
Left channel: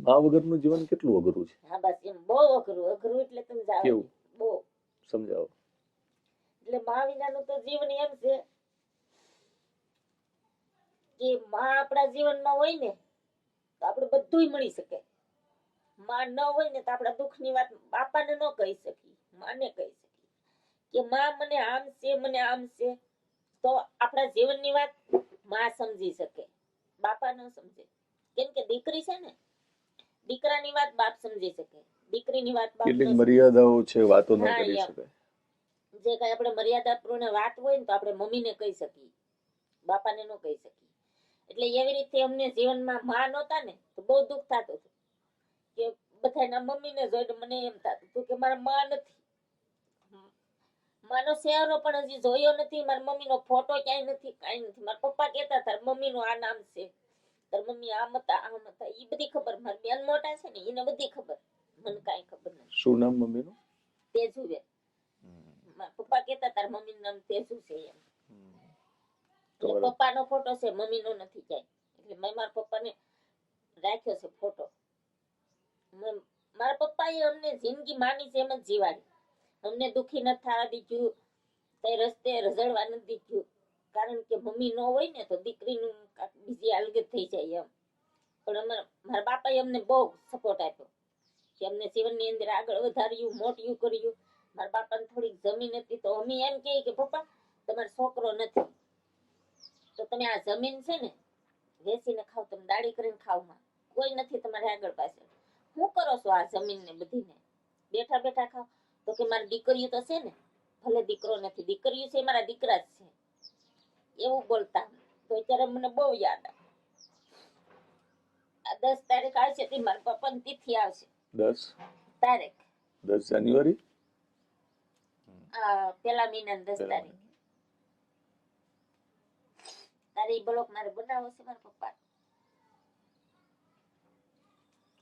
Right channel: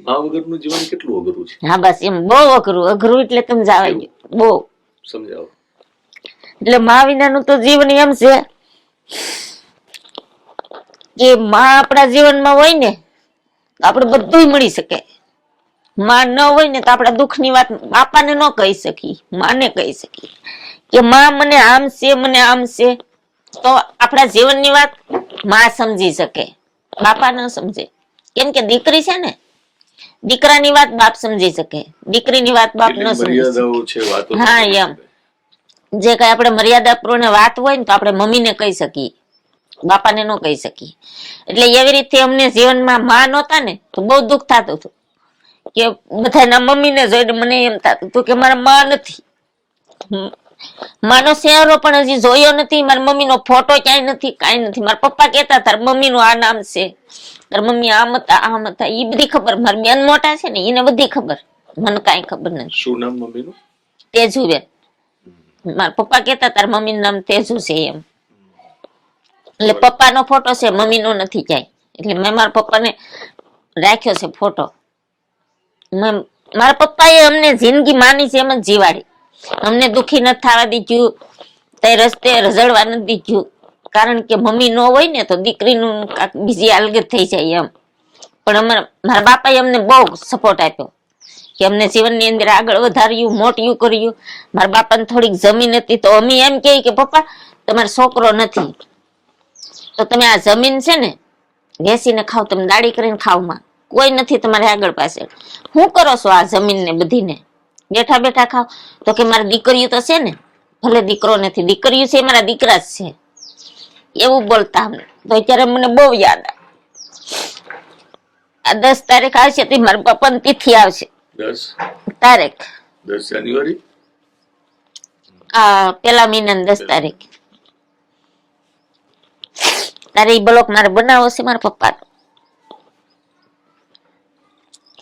મા વગરનું જીવન કેટલું અઘરું છે. હા બસ એમ બહુ અઘરું એટલે તમે જવા ગયું બહુ સમજાવો. એટલે મા વિનાનું તો જીવન એમ છે કે માં આપણા જીવનમાં હોય ને તો આપણે બધું મળી શકે. માં ન હોય ને તો આપણા દુઃખની વાત બાપાને ન કહી શકી, માને કહી શકી કે માં મને આમ છે મને આમ છે. તો આપણા જીવનની વાત માં સમજી શકે, બાપા ન સમજે. કેમ કે દીકરી છે ને, દીકરાની વાત બાપ સમજી શકે, દીકરીની વાત બાપ ન સમજી શકે. હા એમ જે કઈ આપણે મર્યાદાપૂર્ણ વાત હોય ને તો આપણે મમ્મીને કહી શકીએ, બાપાને ન કહી શકીએ. એટલે એવી રીતે અમને જીવનમાં માં નહોતા ને તો બહુ દુઃખ થતું હતું કે બધાના મમ્મીને જોઈને મને એમ થતું હતું કે મારા માં નથી. માનો ચહેરો પણ હજી જોયો નથી, મારી મમ્મીનો ફોટો ક્યાંય નથી, કાંઈ નથી. મારા પપ્પા કહેતા તાર મમ્મીનું આ નામ છે, તાર મમ્મી આમ હતા આમ હતા, એ બધી ખબર. મારી બેન મોટા છે ને એને બધી ખબર, મને કાંઈ ખબર નથી. શું નામ મમ્મીનું? તેજુબેન. મારા પપ્પા કહેતા તાર મમ્મીનું નામ તેજુ છે એમ. એટલે પપ્પાનો ફોટો છે, મમ્મીનો નથી ક્યાંય. એટલે મેં મારા પપ્પાને રાખ્યો છે ફોટો. મારા પપ્પાએ અમને જિંદગી માની છે એમ જ જીવાડી. અમને દુખી નથી થવા દીધું, તે રસ્તે રઝળવા નથી દીધું. કારણ કે મમ્મી ન હોય ને તો દીકરીનું બીજી અલગ થઈ જાય એમ. પણ મારા બાપાએ અમને બહુ સપોર્ટ આપ્યો કે અમને જીવનની અંદર આગળ વધાર્યું, મોટિયું કર્યું. મારા બાપાને થોડીક જમીન હતી તો અમે એમ કહે કે પપ્પા તમારો છોકરો નથી તો તમે આ જમીન છે ને વેચીને ખાવ, તમે દાડી કરીને ખાવ. માં કોઈ નથી તમારે આગળ પાછળ, શું કરો છો આ જમીન ને બધીને બેઠા બેઠા ખાવ? તો કે મારી દીકરીઓ તો છે ને, ભલે દીકરો નથી, દીકરીઓ છે મારા દીકરા જ છે, એવું બોલતા અમને. તો અત્યારે મને બહુ યાદ આવે. આ 10 તારીખ આવશે તો મારા પપ્પાની તિથિ આવશે. 10 તારીખ 10 જાન્યુઆરી આ પેલા મહિનાની 10 તારીખ. તારે એ બ્લોક મારે બનાવો છે મારા પપ્પા.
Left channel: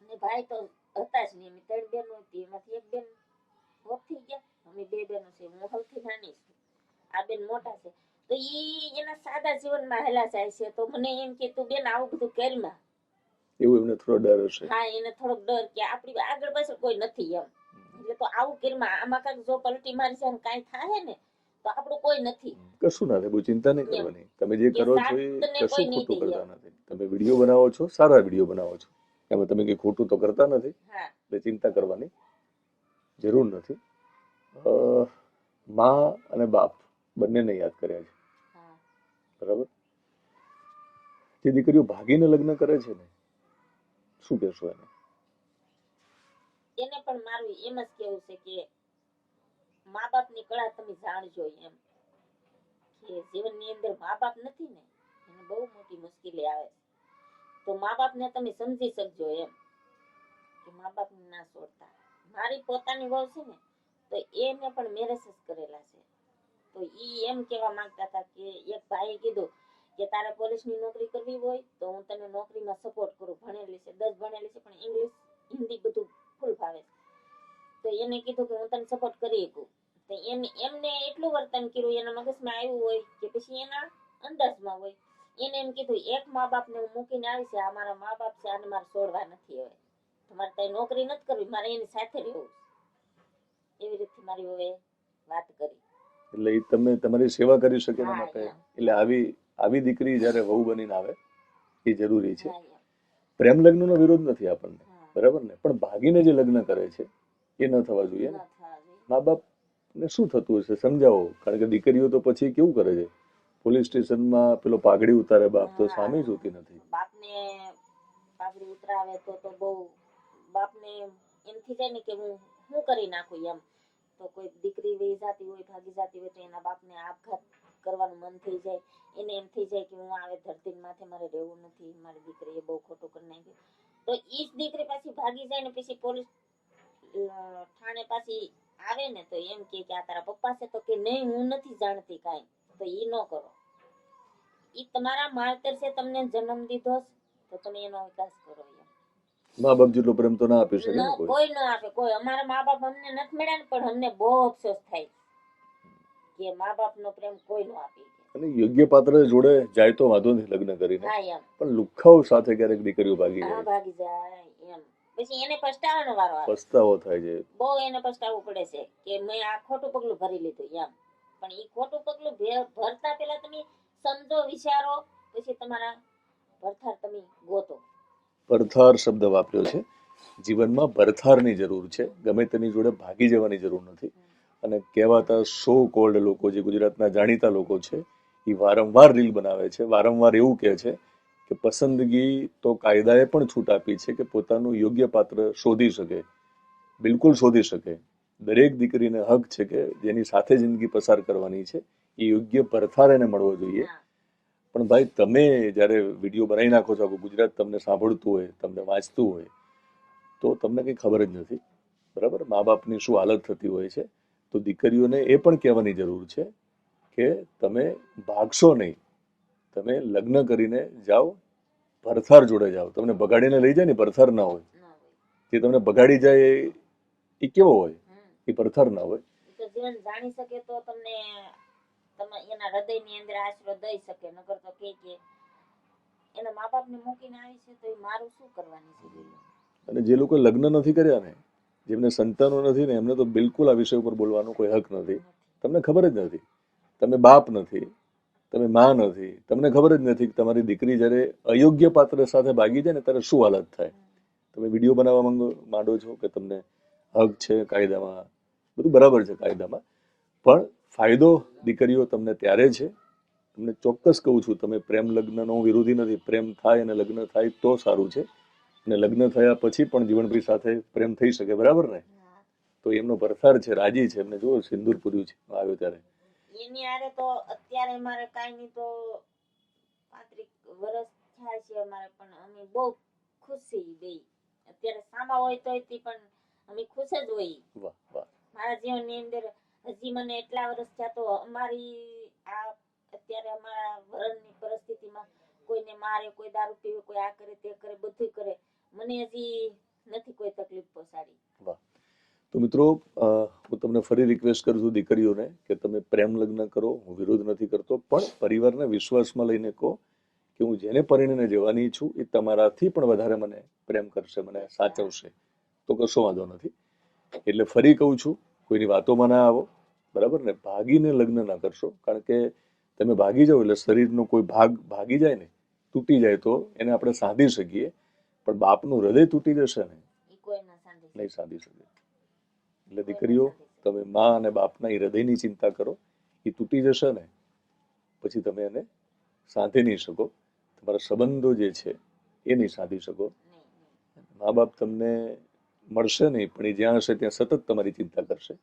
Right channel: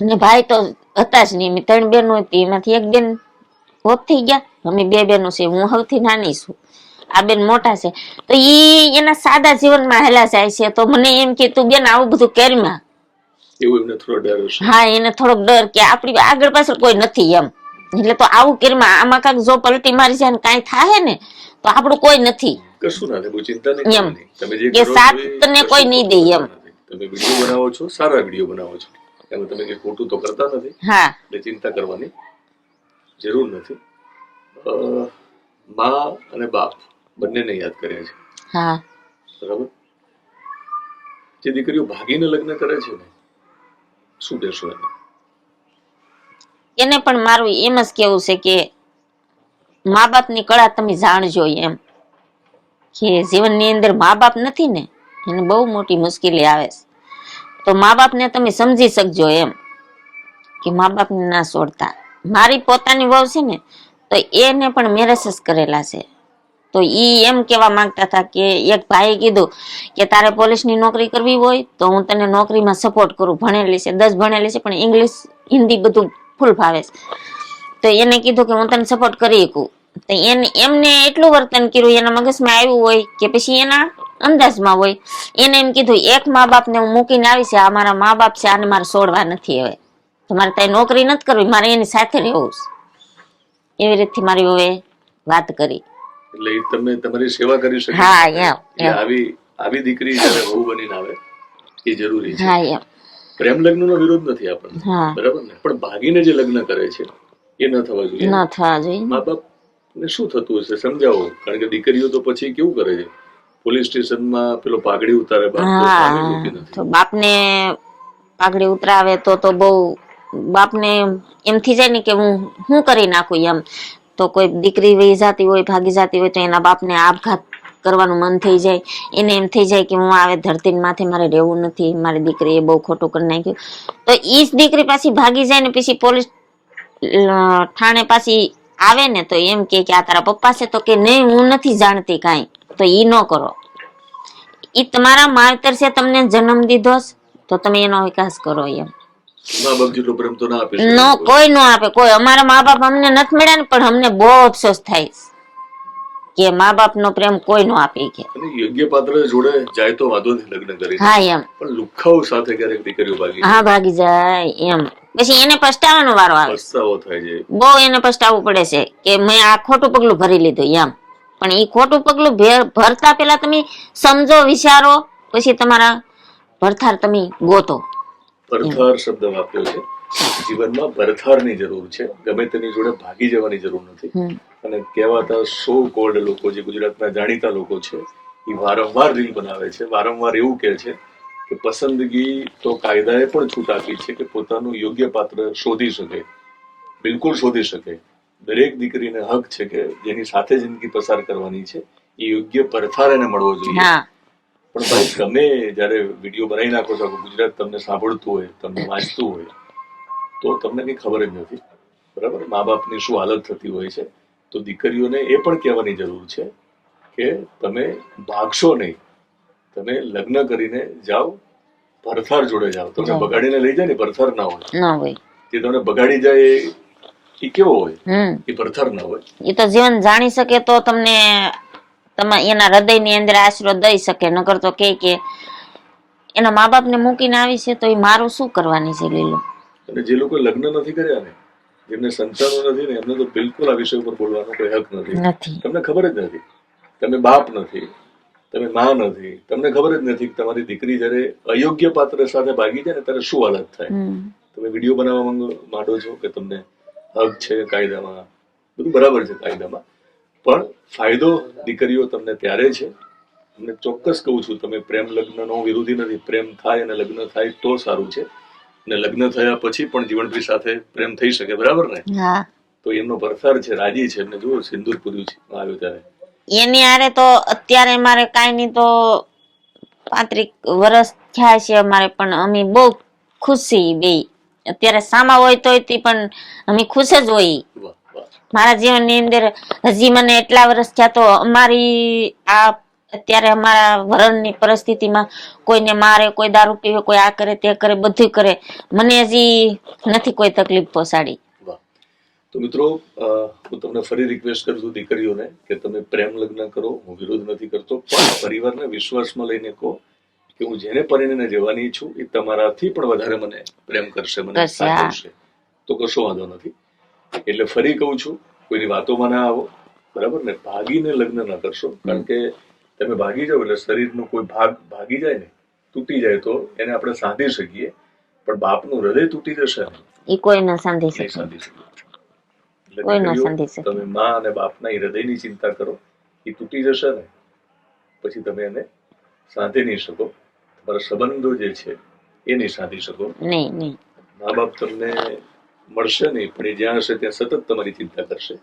અને ભાઈ તો હતા જ નહીં. મેં 3 બહેનો હતી, એમાંથી એક બેન હોત થઈ ગયા. અમે 2 બહેનો છે, હું સૌથી નાની છું, આ બેન મોટા છે. તો એના સાદા જીવનમાં હેલા જાય છે. તો મને એમ કે તું બેન આવું બધું કરીમાં, એવું એમને થોડો ડર હશે. હા એને થોડોક ડર કે આપણી આગળ પાછળ કોઈ નથી એમ. એટલે તો આવું કરીમાં આમાં કાંઈક જો પલટી મારી જાય ને કાંઈ થાય ને તો આપણું કોઈ નથી. કશું ના થાય, કોઈ ચિંતા નહીં કરવાની. તમે જે કે કરો સાથ તને કોઈ નહીં દે એમ. તમે વિડીયો બનાવો છો, સારા વિડીયો બનાવો છો, એમાં તમે કઈ ખોટું તો કરતા નથી. હા એટલે ચિંતા કરવાની જરૂર નથી. માં અને બાપ બંનેને યાદ કર્યા છે. હા બરાબર. જે દીકરીઓ ભાગીને લગ્ન કરે છે ને, શું કહેશો એને પણ મારું એમ જ કેવું છે કે મા બાપની કળા તમે જાણજો એમ. કે જીવનની અંદર મા બાપ નથી ને એને બહુ મોટી મુશ્કેલી આવે છે. તો મા બાપને તમે સમજી શકજો એમ કે મા બાપને ના છોડતા. મારી પોતાની વહુ છે ને તો એને પણ મેરેજ જ કરેલા છે. તો ઈ એમ કેવા માંગતા હતા કે એક ભાઈએ કીધું કે તારે પોલીસની નોકરી કરવી હોય તો હું તને નોકરીમાં સપોર્ટ કરું, ભણેલી છે 10 ભણેલી છે પણ ઇંગ્લિશ હિન્દી બધું ફૂલ ફાવે છે. તો એને કીધું કે હું તને સપોર્ટ કરી શકું. તો એમને એટલું વર્તન કર્યું, એના મગજમાં આવ્યું હોય કે પછી એના અંદાજમાં હોય, એને એમ કીધું એક મા બાપને હું મૂકીને આવી છે, આ મારા મા બાપ છે, આને મારે છોડવા નથી. હવે તમારે ત્યાં નોકરી નથી કરવી, મારે એની સાથે રહેવું છે. એવી રીતે મારી હવે વાત કરી. એટલે તમે તમારી સેવા કરી શકો. હા એમ આવી દીકરી જ્યારે વહુ બનીને આવે એ જરૂરી છે. હા એમ પ્રેમ લગ્નનો વિરોધ નથી આપણને, બરાબર ને? પણ ભાગીને જે લગ્ન કરે છે એ ન થવા જોઈએ. ન થવા જોઈએ. મા બાપ ને શું થતું હશે સમજાવો. કારણ કે દીકરીઓ તો પછી કેવું કરે છે, પોલીસ સ્ટેશનમાં પેલો પાઘડી ઉતારે, તો બાપને પાઘડી ઉતરાવે તો બહુ બાપને એમ થઈ જાય ને કે હું કરી નાખું એમ. તો કોઈ દીકરી વહી જતી હોય, ભાગી જતી હોય તો એના બાપને આપઘાત કરવાનું મન થઈ જાય. એને એમ થઈ જાય કે હું આવે ધરતી માથે મારે રહેવું નથી, મારી દીકરીએ બહુ ખોટું કરી નાખ્યું. તો ઈ જ દીકરી પાછી ભાગી જાય ને પછી પોલીસ થાણે પાછી આવે ને તો એમ કે આ તારા પપ્પા છે? તો કે નહીં હું નથી જાણતી કાંઈ. તો ઈ ન કરો. ઈ તમારા માવતર છે, તમને જન્મ દીધો તો તમે એનો વિકાસ કરો એમ. મા બાપ જેટલો પ્રેમ તો ના આપે. કોઈ ન આપે કોઈ. અમારા મા બાપ અમને નથી મળ્યા ને પણ અમને બહુ અફસોસ થાય કે મા બાપનો પ્રેમ કોઈ નો આપી કે. અને યોગ્ય પાત્ર જોડે જાય તો વાંધો નથી લગ્ન કરી, હા એમ. પણ લુખ્ખાઓ સાથે ક્યારેક દીકરીઓ ભાગી હા ભાગી જાય એમ, પછી એને પસ્તાવાનો વારો આવે. પસ્તાવો થાય છે. બહુ એને પસ્તાવવું પડે છે કે મેં આ ખોટું પગલું ભરી લીધું એમ. પણ એ ખોટું પગલું ભરતા પેલા તમે સમજો, વિચારો, પછી તમારા ભરથાર તમે ગોતો. ભરથાર શબ્દ વાપર્યો છે. જીવનમાં ભરથારની જરૂર છે, ગમે તેની જોડે ભાગી જવાની જરૂર નથી. અને કહેવાતા સો કોલ્ડ લોકો જે ગુજરાતના જાણીતા લોકો છે એ વારંવાર રીલ બનાવે છે, વારંવાર એવું કહે છે કે પસંદગી તો કાયદાએ પણ છૂટ આપી છે કે પોતાનું યોગ્ય પાત્ર શોધી શકે, બિલકુલ શોધી શકે. દરેક દીકરીને હક છે કે જેની સાથે જિંદગી પસાર કરવાની છે એ યોગ્ય ભરથાર એને મળવો જોઈએ. પણ ભાઈ તમે જયારે વિડીયો બનાવી નાખો છો, ગુજરાત તમને સાંભળતું હોય, તમને વાંચતું હોય, તો તમને કઈ ખબર જ નથી, બરાબર? મા બાપની શું હાલત થતી હોય છે. તો દીકરીઓને એ પણ કહેવાની જરૂર છે કે તમે ભાગશો નહીં, તમે લગ્ન કરીને જાઓ, ભરથાર જોડે જાઓ. તમને બગાડીને લઈ જાય ને ભરથાર ના હોય. જે તમને બગાડી જાય એ કેવો હોય? એ ભરથાર ના હોય. એ તો જીવન જાણી શકે તો તમને એના હૃદયની અંદર આશરો દઈ શકે, નકર તો કે એના મા બાપ ને મૂકીને આવી છે તો એ મારું શું કરવાની છે લીલો. અને જે લોકો લગ્ન નથી કર્યા ને, જેમને સંતાનો નથી ને, એમને તો બિલકુલ આ વિષય ઉપર બોલવાનો કોઈ હક નથી. તમને ખબર જ નથી, તમે બાપ નથી, તમે માં નથી, તમને ખબર જ નથી કે તમારી દીકરી જયારે અયોગ્ય પાત્ર સાથે ભાગી જાય ને ત્યારે શું હાલત થાય. તમે વિડીયો બનાવવા માંડો છો કે તમને હક છે કાયદામાં, બધું બરાબર છે કાયદામાં, પણ ફાયદો દીકરીઓ તમને ત્યારે છે. તમને ચોક્કસ કહું છું, તમે પ્રેમ લગ્નનો વિરોધી નથી, પ્રેમ થાય અને લગ્ન થાય તો સારું છે. અને લગ્ન થયા પછી પણ જીવનભી સાથે પ્રેમ થઈ શકે, બરાબર ને? તો એમનો ભરથાર છે, રાજી છે, એમને જુઓ સિંદૂર પૂર્યું છે આવ્યો ત્યારે. એની આરે તો અત્યારે મારે કાંઈ નહીં તો 35 વર્ષ થયા છે અમારે, પણ અમે બહુ ખુશ છીએ બે. અત્યારે સામા હોય તોય પણ અમે ખુશ જ હોય. મારા જીવનની અંદર હજી મને એટલા વર્ષ થયા તો અમારી આ અત્યારે અમારા વરણની પરિસ્થિતિમાં કોઈને મારે, કોઈ દારૂ પીવે, કોઈ આ કરે તે કરે, બધું કરે, મને હજી નથી કોઈ તકલીફ પહોંચાડી. તો મિત્રો, હું તમને ફરી રિક્વેસ્ટ કરું છું દીકરીઓને કે તમે પ્રેમ લગ્ન કરો, હું વિરોધ નથી કરતો, પણ પરિવારને વિશ્વાસમાં લઈને કહો કે હું જેને પરિણીને જવાની છું એ તમારાથી પણ વધારે મને પ્રેમ કરશે, મને સાચવશે, તો કશો વાંધો નથી. એટલે ફરી કહું છું, કોઈની વાતોમાં ના આવો, બરાબર ને? ભાગીને લગ્ન ના કરશો, કારણ કે તમે ભાગી જાઓ એટલે શરીરનો કોઈ ભાગ ભાગી જાય ને, તૂટી જાય તો એને આપણે સાંધી શકીએ, પણ બાપનું હૃદય તૂટી જશે એ કોઈ ન સાંધી શકે. તમે માં અને બાપના હૃદયની ચિંતા કરો, એ તૂટી જશે ને પછી તમે એને સાંધી નહીં શકો, તમારા સંબંધો જે છે એ નહીં સાંધી શકો. મા બાપ તમને મળશે નહીં, પણ એ જ્યાં હશે ત્યાં સતત તમારી ચિંતા કરશે.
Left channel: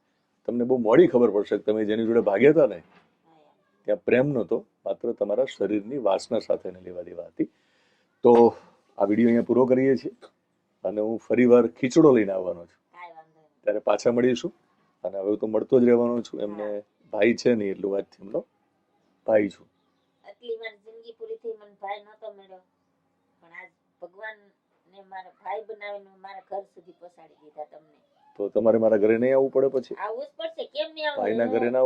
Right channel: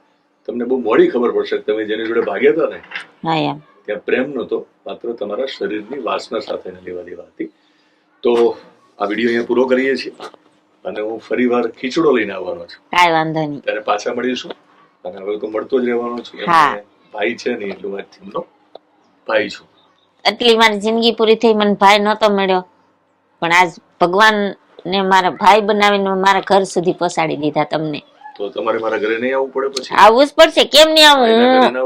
તમને બહુ મોડી ખબર પડશે તમે જેની જોડે ભાગ્યા હતા ને ત્યાં પ્રેમ નહોતો, માત્ર તમારા શરીરની વાસના સાથે લેવા દેવા હતી. તો આ વિડીયો અહીંયા પૂરો કરીએ છીએ અને હું ફરી વાર ખીચડો લઈને આવવાનો છું. કાંઈ વાંધો નહીં, ત્યારે પાછા મળીશું. અને હવે તો મળતો જ રહેવાનો છું. ભાઈ છે ને એટલું વાત એમનો ભાઈ છું. એટલી મારી જિંદગી પૂરી થઈ, મને ભાઈ નહોતો મળ્યો, પણ આજ ભગવાન ને મારા ભાઈ બનાવીને મારા ઘર સુધી પહોંચાડી દીધા તમને. તો તમારે મારા ઘરે નહીં આવવું પડે? પછી આવવું જ પડશે, કેમ નહીં આવું?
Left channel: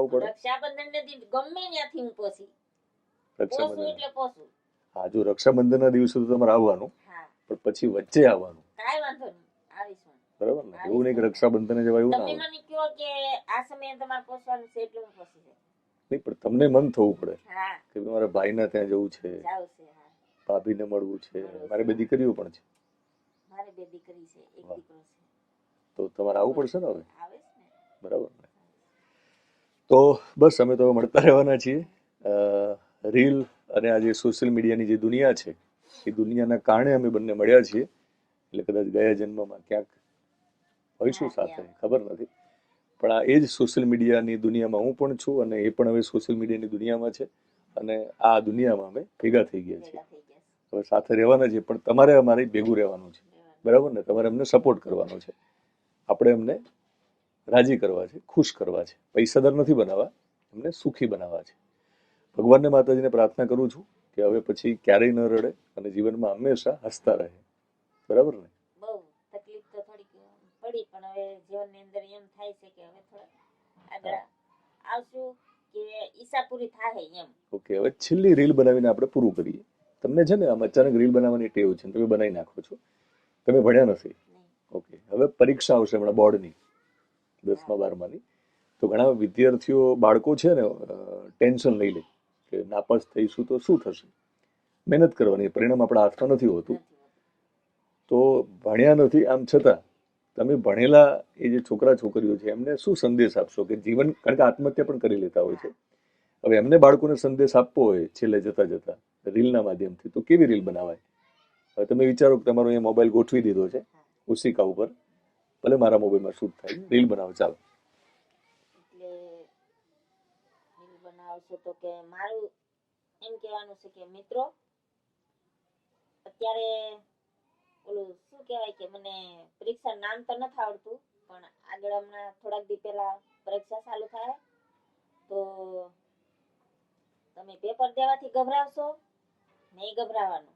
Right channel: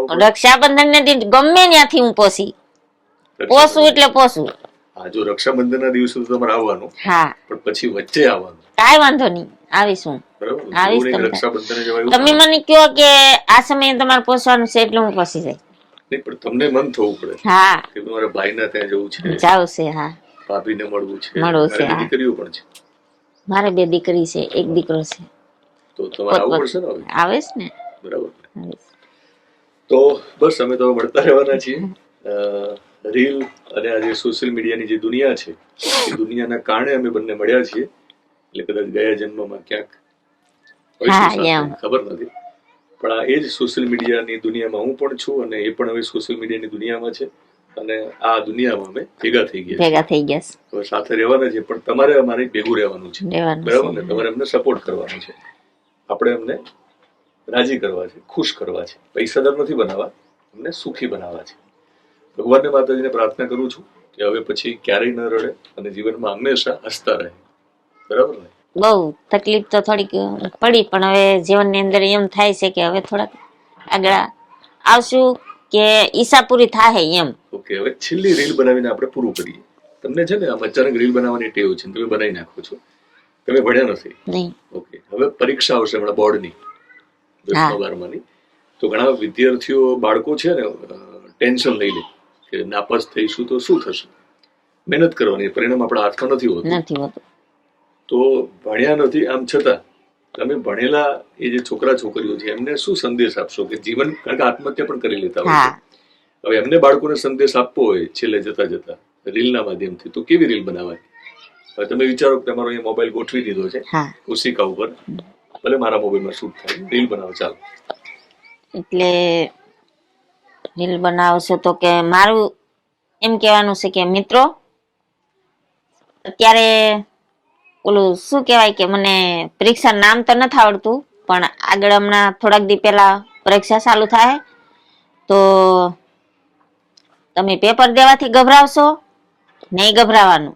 હું રક્ષાબંધન ને દિન ગમે ત્યાંથી હું પોસું એટલે પોસું. હા, જો રક્ષાબંધન ના દિવસે તમારે આવવાનું, હા, પણ પછી વચ્ચે આવવાનું. કાંઈ વાંધો નહીં, આવીશું. તમે મને કહો કે આ સમયે તમારે પોસવાનું છે એટલે હું પોસી જાય. નહીં, પણ તમને મન થવું પડે. હા, કે તમારા ભાઈના ત્યાં જવું છે, જાવ છે. હા, ભાભીને મળવું છે, દીકરીઓ પણ છે. મારે 2 દીકરી છે, 1 દીકરો છે. તો તમારે આવવું પડશે ને? આવે છે ને, બરાબર. તો બસ અમે તો મળતા રહેવાના છીએ. રીલ અને આજે સોશિયલ મીડિયાની જે દુનિયા છે એ દુનિયાના કારણે અમે બંને મળ્યા છીએ. એટલે કદાચ ગયા જન્મમાં ક્યાંક ખબર નથી, પણ આ એ જ સોશિયલ મીડિયાની દુનિયામાં હું પણ છું અને એ પણ હવે સોશિયલ મીડિયાની દુનિયામાં છે. અને આ દુનિયામાં અમે ભેગા થઈ ગયા. હવે સાથે રહેવાના છે, પણ તમારે અમારે ભેગું રહેવાનું છે, બરાબર ને? તમારે અમને સપોર્ટ કરવાનો છે, આપણે એમને રાજી કરવા છે, ખુશ કરવા છે. પૈસાદાર નથી બનાવવા, એમને સુખી બનાવવા છે. ભગવાનને, માતાજીને પ્રાર્થના કરું છું કે હવે પછી ક્યારેય ન રડે અને જીવનમાં હંમેશા હસતા રહે, બરાબર ને? બહુ તકલીફ તો થોડીક પડી, પણ હવે જીવનની અંદર એમ થાય છે કે હવે થોડાક આગળ આવશું કે ઈચ્છા પૂરી થાય એમ. ઓકે, હવે છેલ્લી રીલ બનાવીને આપણે પૂરું કરીએ. તમને છે ને આમ અચાનક રીલ બનાવવાની ટેવ છે, તમે બનાવી નાખો છો. તમે ભણ્યા નથી. નહીં. ઓકે, હવે પરીક્ષા આવશે હમણાં બોર્ડની, 10મા 12માની. તો ઘણા વિદ્યાર્થીઓ બાળકો છે ને ટેન્શન લઈ લે કે નાપાસ થઈશું તો શું થશે. મહેનત કરવાની, પરિણામ આપણા હાથમાં નથી હોતું. નથી હોતું. તો ભણ્યા નથી આમ છતાં તમે ભણેલા એ જે છોકરા છોકરીઓ છે એમને શું સંદેશ આપશો કે જીવન, કારણ કે આત્મહત્યા પણ કરી લેતા હોય છે. હવે એમને બાળકોને સંદેશ આપવો હોય છેલ્લે જતા જતા રીલના માધ્યમથી, તો કેવી રીલ બનાવાય? હવે તમે વિચારો કે તમારો અહીંયા મોબાઈલ ગોઠવી દીધો છે ઓશિકા ઉપર, ભલે મારા મોબાઈલમાં શૂટ થાય, રીલ બનાવો ચાલો. એટલે રીલ બનાવશો તો કે મારું એમ કહેવાનું છે કે મિત્રો, અત્યારે ઓલું શું કહેવાય કે મને પરીક્ષા નામ તો નથી આવડતું, પણ આગળ હમણાં થોડાક દી પહેલા પરીક્ષા ચાલુ થાય, તો તમે પેપર દેવાથી ગભરાવશો નહીં, ગભરાવાનું.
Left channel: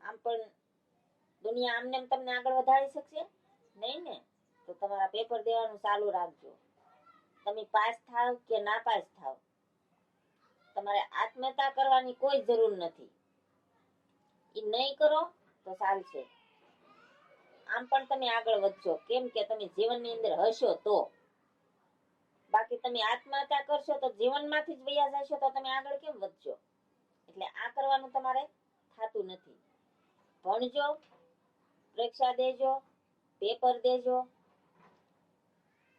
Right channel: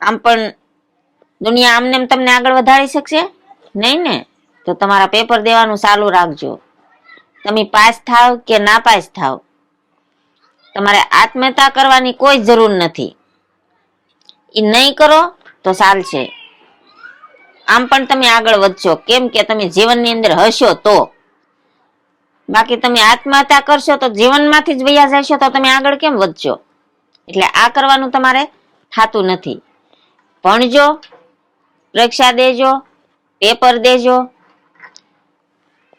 આમ પણ દુનિયા આમને તમને આગળ વધારી શકશે નહીં ને, તો તમારા પેપર દેવાનું ચાલુ રાખજો. તમે પાસ થાવ કે ના પાસ થાવ, તમારે આત્મહત્યા કરવાની કોઈ જરૂર નથી. એ નહીં કરો તો ચાલશે. આમ પણ તમે આગળ વધશો, કેમ કે તમે જીવનની અંદર હશો તો. બાકી તમે આત્મહત્યા કરશો તો જીવનમાંથી જ વયા જશો, તો તમે આગળ કેમ વધશો? એટલે આ કરવાનું તમારે થતું નથી. ભણજો, પરીક્ષા દેજો, પેપર દેજો,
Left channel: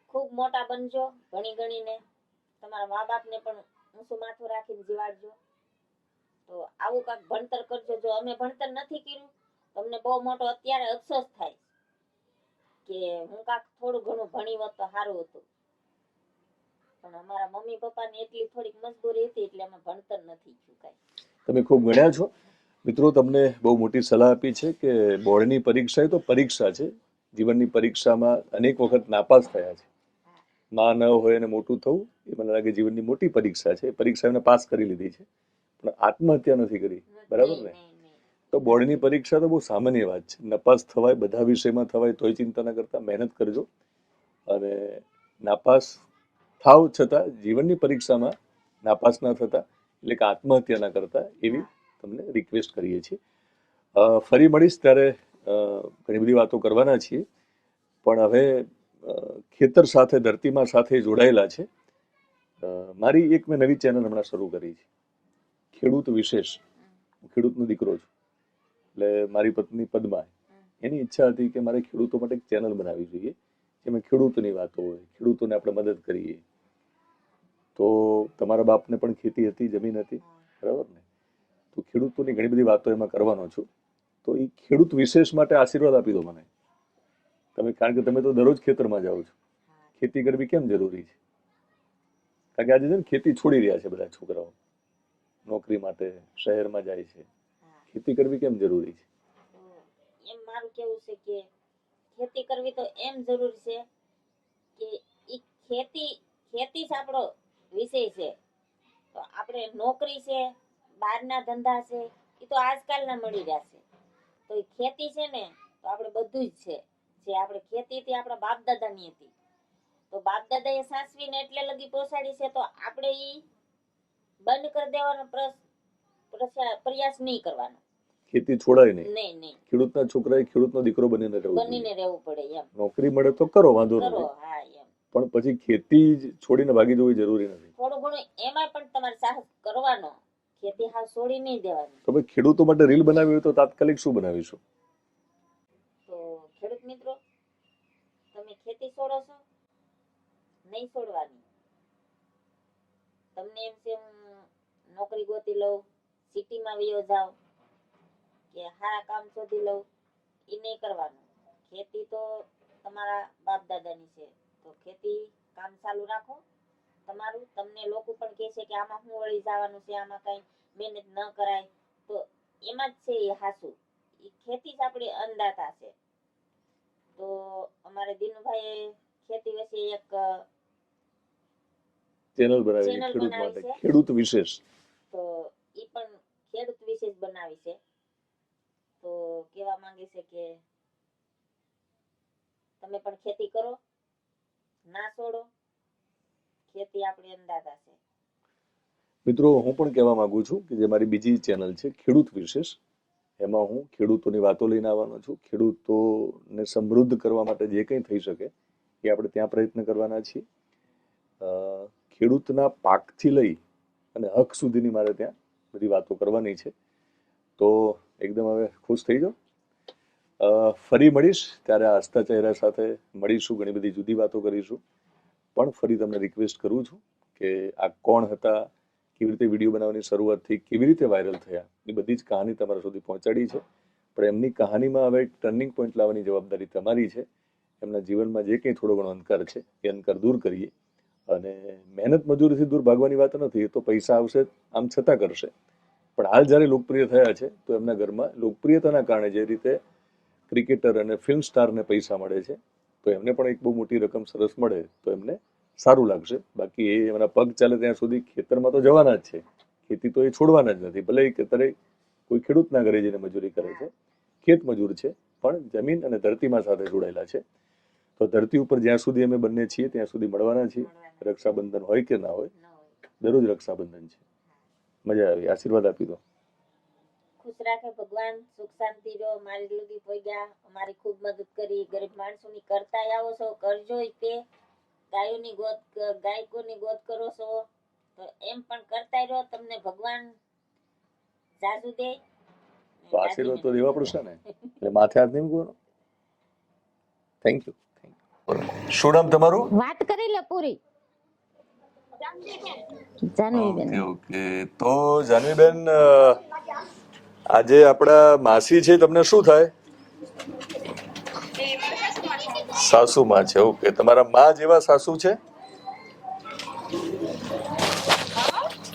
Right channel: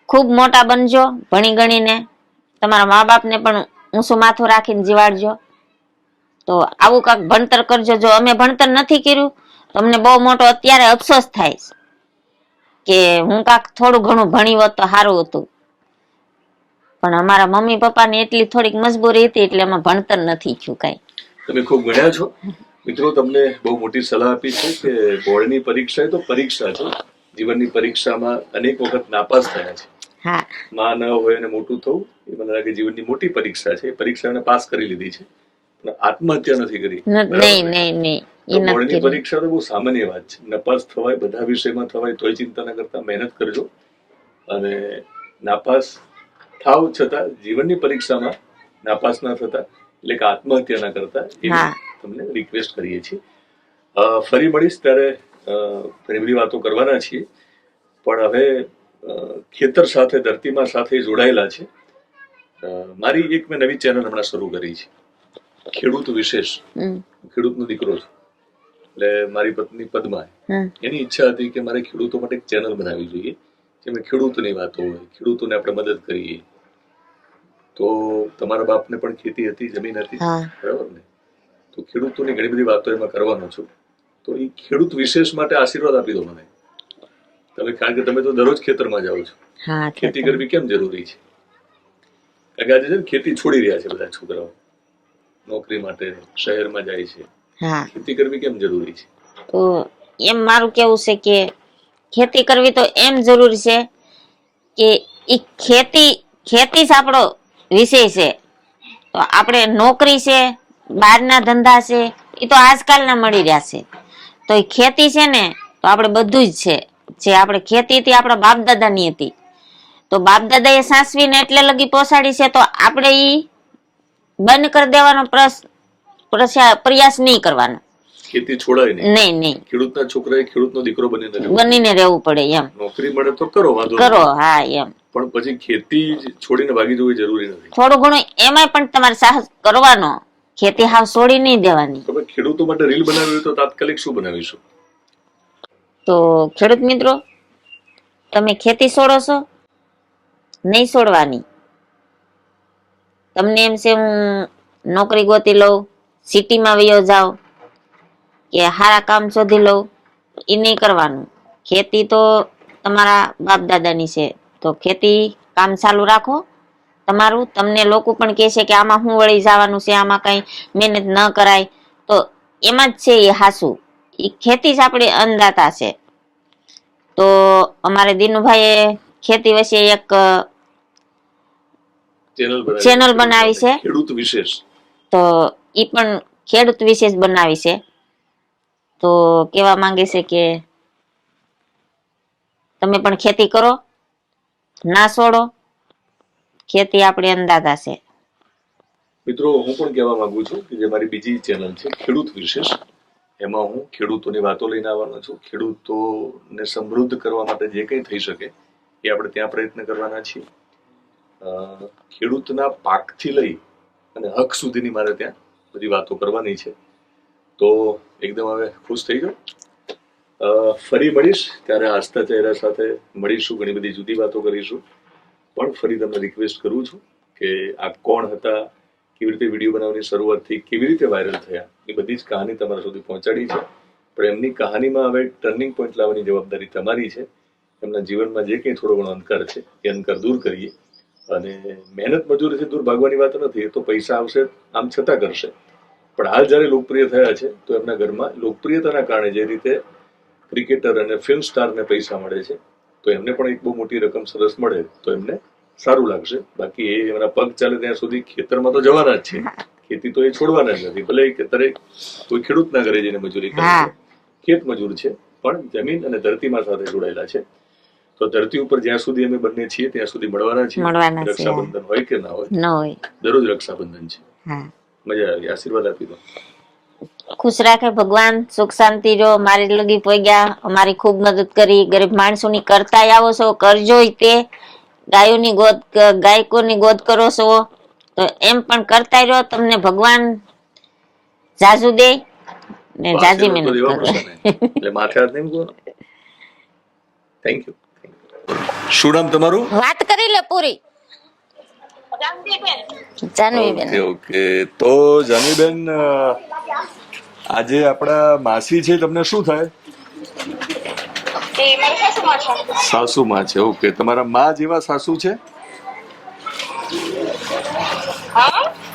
ખૂબ મોટા બનજો ભણી ગણીને. તમારા મા બાપને પણ ઊંચું માથું રાખીને જીવાડજો. તો આવું કાંક ભણતર કરજો. જો અમે ભણતર નથી કર્યું તો અમને બહુ મોટો અત્યારે અફસોસ થાય કે હું કાંક થોડું ઘણું ભણી હોત તો સારું હતું, પણ અમારા મમ્મી પપ્પાની એટલી થોડીક મજબૂરી હતી એટલે એમાં ભણતર નથી થયું કાંઈ. તમે ખૂબ ભણ્યા છો મિત્રો, તમને બહુ મોટી સલાહ આપી છે કે બોર્ડની પરીક્ષા એ તો પરીક્ષા છે. જીવનની પરીક્ષામાં અનેક વખત નાપાસ થયા છે. હા, માં ન હોય અને મોટું થવું એ મને લાગે જીવનની મોટી પરીક્ષા છે. એ પરીક્ષા એને પાસ કરી લીધી છે, પણ આત્મહત્યા નથી કરી. નહીં. બોર્ડની પરીક્ષા તો બહુ સામાન્ય વાત છે. નપાસ થવાય, બધા વિષયમાં થવાય, તોય ચિંતા ન કરતા મહેનત કરજો. અને નાપાસ થાવ છતાં જીવનની પરીક્ષામાં નાપાસ ના થતા, એટલે કે આત્મહત્યા ના કરતા, એવી તમને રિક્વેસ્ટ કરીએ છીએ. ફરી મળીશ ત્યારે ઘણી બધી વાતો કરવાના છીએ, પણ હવે ખેતર સાથે, ધરતીમાં સાથે જોડાયેલા છે. મારી એક મેં નવી ચેનલ હમણાં શરૂ કરી છે, ખેડૂત વિશેષ. ખેડૂતનો દીકરો છું, એટલે મારી પત્ની પદ્મા, એની ઈચ્છા હતી કે મારે ખેડૂતો માટે એક ચેનલ બનાવવી જોઈએ, જેમાં ખેડૂતની વાતો હોય, ખેડૂતોને આપણે મદદ કરીએ. તો તમારા બાપને પણ ખેતી હતી, જમીન હતી, બરાબર ને? તો ખેડૂતોની ઘણી બધી વાતો એમાં કરવાનો છું. તો એ ખેડૂત વિશેષ માટે આશીર્વાદ આપી દો મને તમે, કારણ કે તમે તો દરરોજ ખેતરમાં જાઓ છો. ખેતી કરવી કેમ જરૂરી છે? કારણ કે આજે છે ને ખેતી છોડી રહ્યા છે બધા છોકરાઓ, નોકરી માટે શહેરમાં જાય છે. ખેતી કરવી કેમ જરૂરી છે? તો એમ મારું કેવું છે કે ખેતી કરવી તો એમ જરૂરી છે કે ઈ ખેતી જ આપણો વિષય છે. તો આપણે નોકરી છે, બહારના ધંધા છે, એ તો આજકાલના મળી રહ્યા છે. તો એ ખેતી છે ને, તો આપણે બધું જ છે. જે આપણે ખેતી હતી આપણા બાપ દાદાની હતી, તો બાપ દાદા એ સાસવીને એટલે લગી પહોંચાડી છે, તો આપણે ઈ બંધ કરી દેવાનો પ્રયાસ નહીં કરવાનો. ખેતી છોડાય નહીં. ખેડૂતના છોકરાએ ખેડૂતનો દીકરો બનીને રહેવું પડે એમ. નોકરી મળે તો કરો, વાંધો કરો, હા એમ. પણ પછી ખેતી છોડીને ભાગી જવું જરૂરી નથી. થોડું ઘણું એમાંય પણ તમારે સાહસ કરવાનો. ખેતી હાવ છોડી નહીં દેવાની. તમે ખેડૂતો માટે રીલ બનાવી હોય તો તાત્કાલિક શું બનાવીશું? તો ખેડૂત મિત્રો, તમે ખેતી છોડો છો? નહીં છોડવાની. તમને એમ છે હું નોકરી ગોતી લઉં, સિટીમાં વયો જાઉં, કે સારા કામ શોધી લઉં, એ નહીં કરવાનું. ખેતી તો તમારા બાપ દાદાની છે, તો ખેતી કામ ચાલુ રાખો તમારું. તમને લોકો પણ કહે છે કે આમાં શું વળી જવાનું છે, આમાં કઈ મહેનત ન કરાય, તો એમાં જ છે એ હાસું. એ ખેતી જ આપણી અન્નદાતા છે. તો અમારે દિનુભાઈએ ખેતી વિશે એક ચેનલ બનાવી છે, ખેડૂત વિશેષ. તો ઈ પણ ખેડૂત વિશેષ બનાવી છે. તો કેવા માંગે છે કે તમે પણ ખેતી કરો, ના છોડો. ખેતી આપણી અંદાજા છે. મિત્રો હું પણ કહેવા માંગુ છું કે જે મારી બીજી ચેનલ છે ખેડૂત વિશેષ, એમાં હું ખેડૂતોની વાતો લઈને આવવાનો છું. ખેડૂતોને સમૃદ્ધ કરવા માટે જે કંઈ થઈ શકે એ આપણે ત્યાં પ્રયત્ન કરવાના છીએ. ખેડૂતના પાકથી લઈ અને હક સુધીની મારે ત્યાં બધી વાતો કરવાની છે. તો એકદમ હવે ખુશ થઈ ગયો. ફરી મળીશ ત્યારે આસ્થા ચહેરા સાથે મળીશું, ઘણી બધી જુદી વાતો કરીશું. પણ ફરી તમને રિક્વેસ્ટ કરું છું કે આ કોણ હતા, કેવી રીતે વિડીયો બનાવવાની શરૂઆત થઈ, કેવી રીતે વાયરલ થયા, એ બધી જ કહાની તમારા સુધી પહોંચાડી છે. પણ એમની કહાનીમાં હવે ટર્નિંગ પોઈન્ટ લાવવાની જવાબદારી તમારી છે. એમના જીવનમાં જે કંઈ થોડો ઘણો અંધકાર છે એ અંધકાર દૂર કરીએ. અને મહેનત મજૂરીથી દૂર ભાગવાની વાત નથી, એ તો પૈસા આવશે આમ છતાં કરશે. પણ હાલ જ્યારે લોકપ્રિય થયા છે તો એમના ઘરમાં લોકપ્રિયતાના કારણે જે રીતે ક્રિકેટર અને ફિલ્મ સ્ટારને પૈસા મળે છે, તો એમને પણ એક બહુ મોટી રકમ સરસ મળે તો એમને સારું લાગશે. બાકી એ એમના પગ ચાલે ત્યાં સુધી ખેતરમાં તો જવાના જ છે, ખેતી તો એ છોડવાના જ નથી. ભલે એ ખેતરે કોઈ ખેડૂતના ઘરે જઈને મજૂરી કરે છે, ખેત મજૂર છે, પણ જમીન અને ધરતીમાં સાથે જોડાયેલા છે. તો ધરતી ઉપર જ્યાં સુધી અમે બંને છીએ ત્યાં સુધી મળવાના છીએ. રક્ષાબંધન હોય કે ના હોય, દરરોજ રક્ષાબંધન છે. મજા આવી, આશીર્વાદ આપી દો. ખુશ રાખે ભગવાન, સુખ શાંતિ રહો. મારી લગી પહોંચ્યા, અમારી ખૂબ મદદ કરી. ગરીબ માણસોની કરતાય આવો છો, કરજો તે. ગાયોની ગોદ, ગાયકોની ગોદ કરો છો તો એમ પણ કરતા રહો. તમને ભગવાન જાજુ દે ને જાજી મહેનત કરો. એટલે માથે હાથ નહીં મૂકવાનો. Thank you. શું નામ તમારું? વાત કરી લે પૂરી. જાનવીબેન. ઓકે, તો જાનવીબેન, આજે આપણા માસી છે, તમને શું થાય? સાસુમાં છે. ઓકે, તમારા માં જેવા સાસુ છે?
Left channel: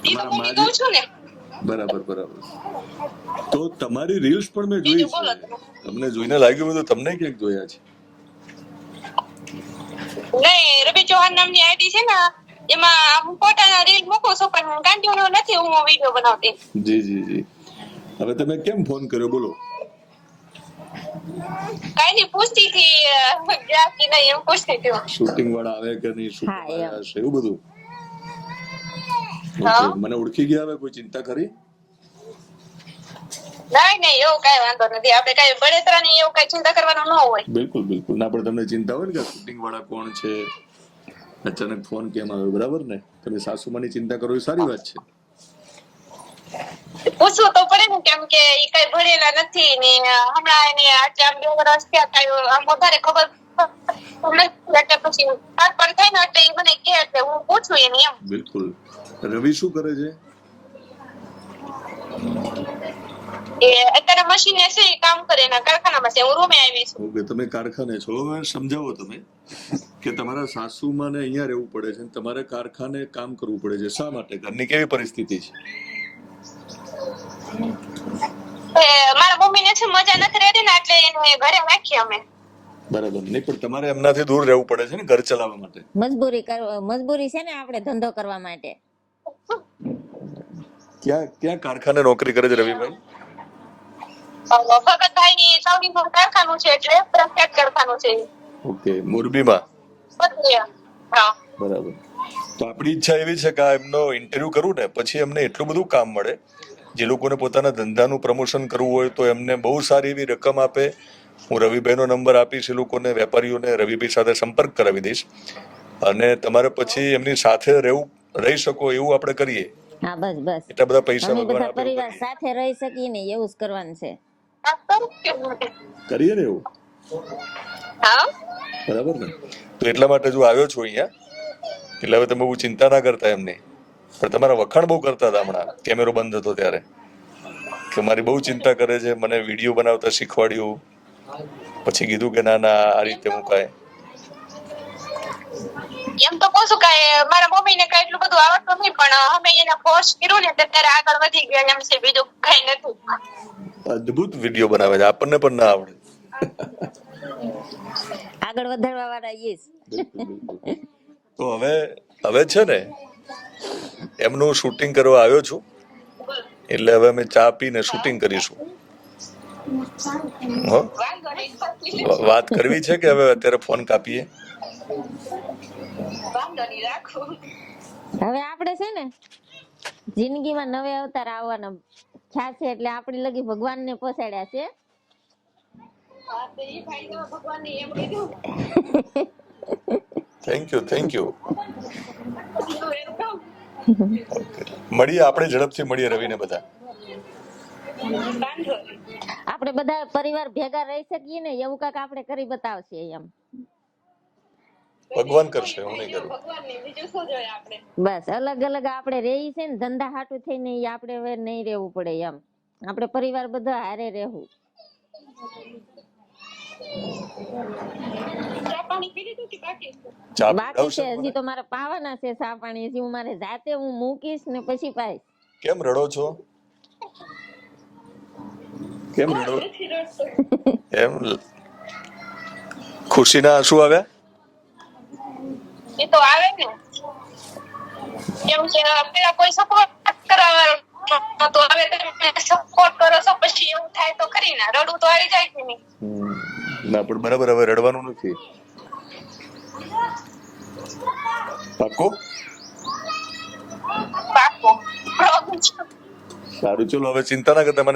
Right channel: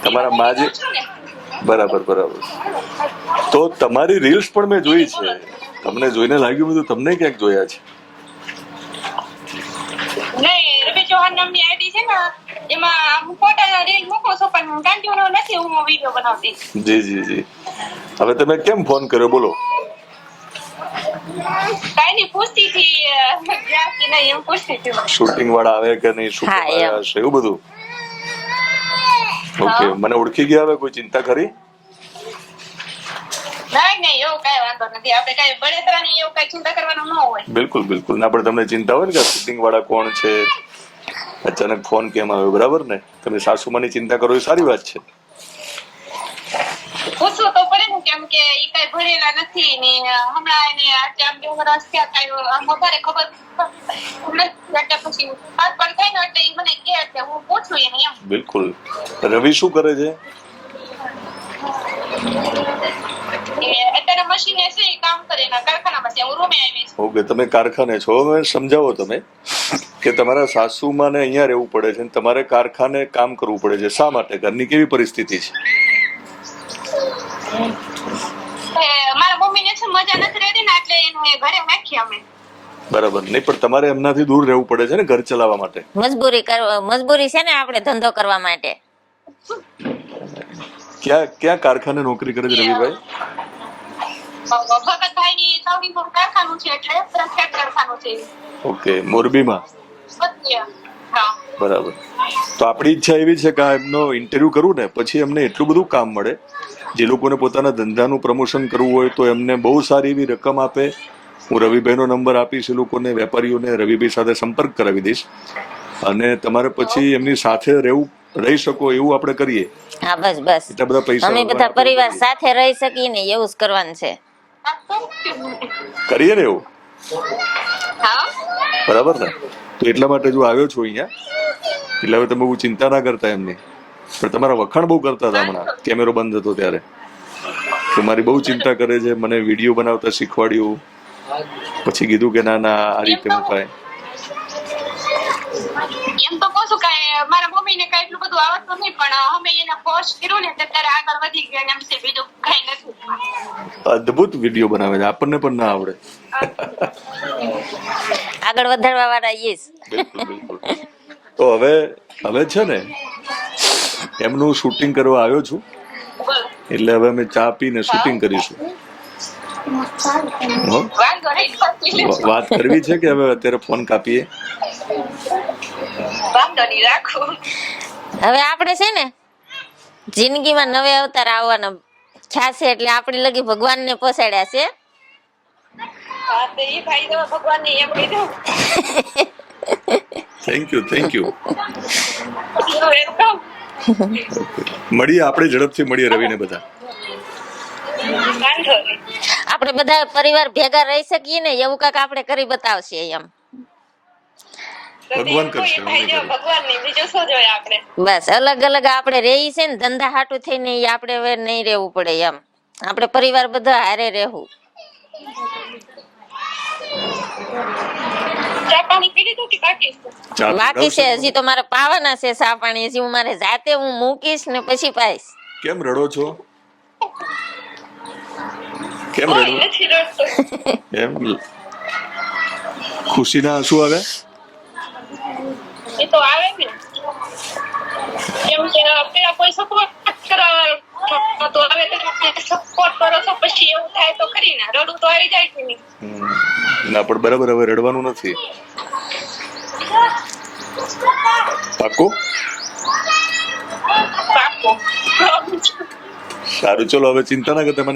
તમારા માં જે, બરાબર બરાબર. તો તમારી રીલ્સ પણ મેં જોઈ છે. તમને જોઈને લાગ્યું બધું તમને ક્યાંક જોયા છે? નહીં, રવિ ચૌહાણ નામની આઈડી છે ને, એમાં હું ફોટા રીલ મૂકું છું, પણ કન્ટિન્યુ નથી હું વિડિયો બનાવતી. જી જી જી. હવે તમે કેમ ફોન કર્યો, બોલો? કાઈ નહીં, પૂછતી હતી ગયા કે નહીં એવું પૂછતી હતી. શૂટિંગ વાળા આવે કે નહીં, શૂટિંગ વાળા હશે એવું બધું. ઓકે, મને ઓળખી ગયા, હવે કોઈ ચિંતા કરી? નહીં નહીં, એવું કઈ વાંધો નથી. આપણે કઈ બળેતરાની એવું કઈ ચિંતા કરવાનું ન હોય. બિલકુલ બિલકુલ. ના, પણ તમને ચિંતા હોય ને કે શૂટિંગ વાળા કોણ છે, અચાનક ફોન કેમ આવ્યો, બરાબર ને? તમે સાસુમાની ચિંતા કરો એ સારી વાત છે. પૂછવું તો પડે ને, કેમ કે એ કઈ ભણેલા નથી ને હમણાં એને આમ 2 વર્ષ થયા, કઈ આમ વધારે ખબર એટલે પછી હાથ પર થાય ને એટલે એ મને કહે એટલે હું પૂછું એને એમ. બિલકુલ. રવિ શું કરે છે? અત્યારે મશીને છે, કામ કરે એના કારખાનામાં છે. હું રૂમે આવી છું. ઓકે, તમે કારખાને છો. હવે સમજાવો તમે કે તમારા સાસુમાં ને અહીંયા રહેવું પડે છે, તમારે કારખાને કામ કરવું પડે છે. શા માટે? ઘરની કેવી પરિસ્થિતિ છે? મારા મમ્મીને છે મજા નથી રહેતી ને, એટલે એને ઘરે રાખી અમે. બરાબર. નહીં, પણ તમારે એમનાથી દૂર રહેવું પડે છે ને ઘર ચલાવવા માટે. મજબૂરી છે ને આપણે ધંધો કરવા માટે. ક્યાં કારખાને નોકરી કરે છે રવિભાઈ? ભગતભાઈ ની સાઉદી નું કારખાનું છે, એટલે પ્રખ્યાત કારખાનું છે. ઓકે, મોરબીમાં. હા, બરાબર. તો આપણી ઈચ્છા એવી છે કે એમનો ઇન્ટરવ્યુ કરું ને પછી એમને એટલું બધું કામ મળે, જે લોકોને પોતાના ધંધાનું પ્રમોશન કરવું હોય તો એમને બહુ સારી એવી રકમ આપે. હું રવિભાઈનો નંબર આપીશ એ લોકોને, વેપારીઓને રવિભાઈ સાથે સંપર્ક કરાવી દઈશ, અને તમારે પછી એમની સાથે રહી શકો એવું આપણે કરીએ. હા, બસ બસ. એટલા બધા પૈસા અમે બધા પરિવાર સાથે રહી શકીએ ને એવું જ કરવાનું છે. કરીએ ને એવું. હા, બરાબર ને? તો એટલા માટે જો આવ્યો છું અહીંયા, એટલે હવે તમે બહુ ચિંતા ના કરતા એમની. પણ તમારા વખાણ બહુ કરતા હતા હમણાં, કેમેરો બંધ હતો ત્યારે, કે મારી બહુ ચિંતા કરે છે, મને વિડીયો બનાવતા શીખવાડ્યું, પછી કીધું કે ના ના આ રીતે મુકાય. એમ તો કહું છું કે મારા મમ્મી ને કઈ એટલું બધું આવડતું નહીં, પણ અમે એને ફોર્સ કર્યો ને ત્યારે આગળ વધી ગયા એમ છે, બીજું કઈ નથી. અદ્ભુત વિડીયો બનાવે છે, આપણને પણ ના આવડે. આગળ વધારવા વાળા યસ. બિલકુલ બિલકુલ. તો હવે છે ને એમનું શૂટિંગ કરવા આવ્યો છું, એટલે હવે અમે ચા પીને શૂટિંગ કરીશું. વાત કરવી છે કે હવે અત્યારે ફોન કાપીએ? વાંધો નહીં, રાખું. હવે આપણે છે ને જિંદગીમાં નવે અવતાર આવવાનો ખ્યાલ છે એટલે આપણે લગી ભગવાનને પોસાડ્યા છે. હા, તો ઈ ભાઈ તો ભગવાનને એમ કીધું. Thank you welcome. મળીએ આપણે, ઝડપથી મળીએ રવિને બધા. વાંધો નહીં. આપણે બધા પરિવાર ભેગા રહી શકીએ ને એવું કાંઈક આપણે કરી બતાવશે એમ. ભગવાન કરશે, કોઈ ભાઈ જો ભગવાનની, બીજું શું જોઈએ આપણે? બસ અલગ અલગ આપણે રહી છે ને ધંધા હાટું થઈને ઈ આપણે હવે નહીં રહેવું પડે એમ. આપણે પરિવાર બધા હારે રહેવું. ચા પાણી પી લીધું કે બાકી છે? ચા બાકી છે પીવડાવશો? હજી તો મારે પાવાના છે ચા પાણી. હજી હું મારે જાતે હું મૂકીશ ને પછી પાઈશ. કેમ રડો છો? કેમ કોઈ રડો? નથી રડતો. એમ ખુશીના આંસુ આવ્યા? એ તો આવે ને. કેમ કે પેલા કોઈ સપોર્ટ કરાવે તો હવે તમે સપોર્ટ કરો છો, પછી એવું થાય તો ખરી ને, રડવું તો આવી જાય કે નહીં. ના પણ બરાબર, હવે રડવાનું નથી. પાક્કું? પાક્કું. સારું, ચલો હવે ચિંતા ના કરતા.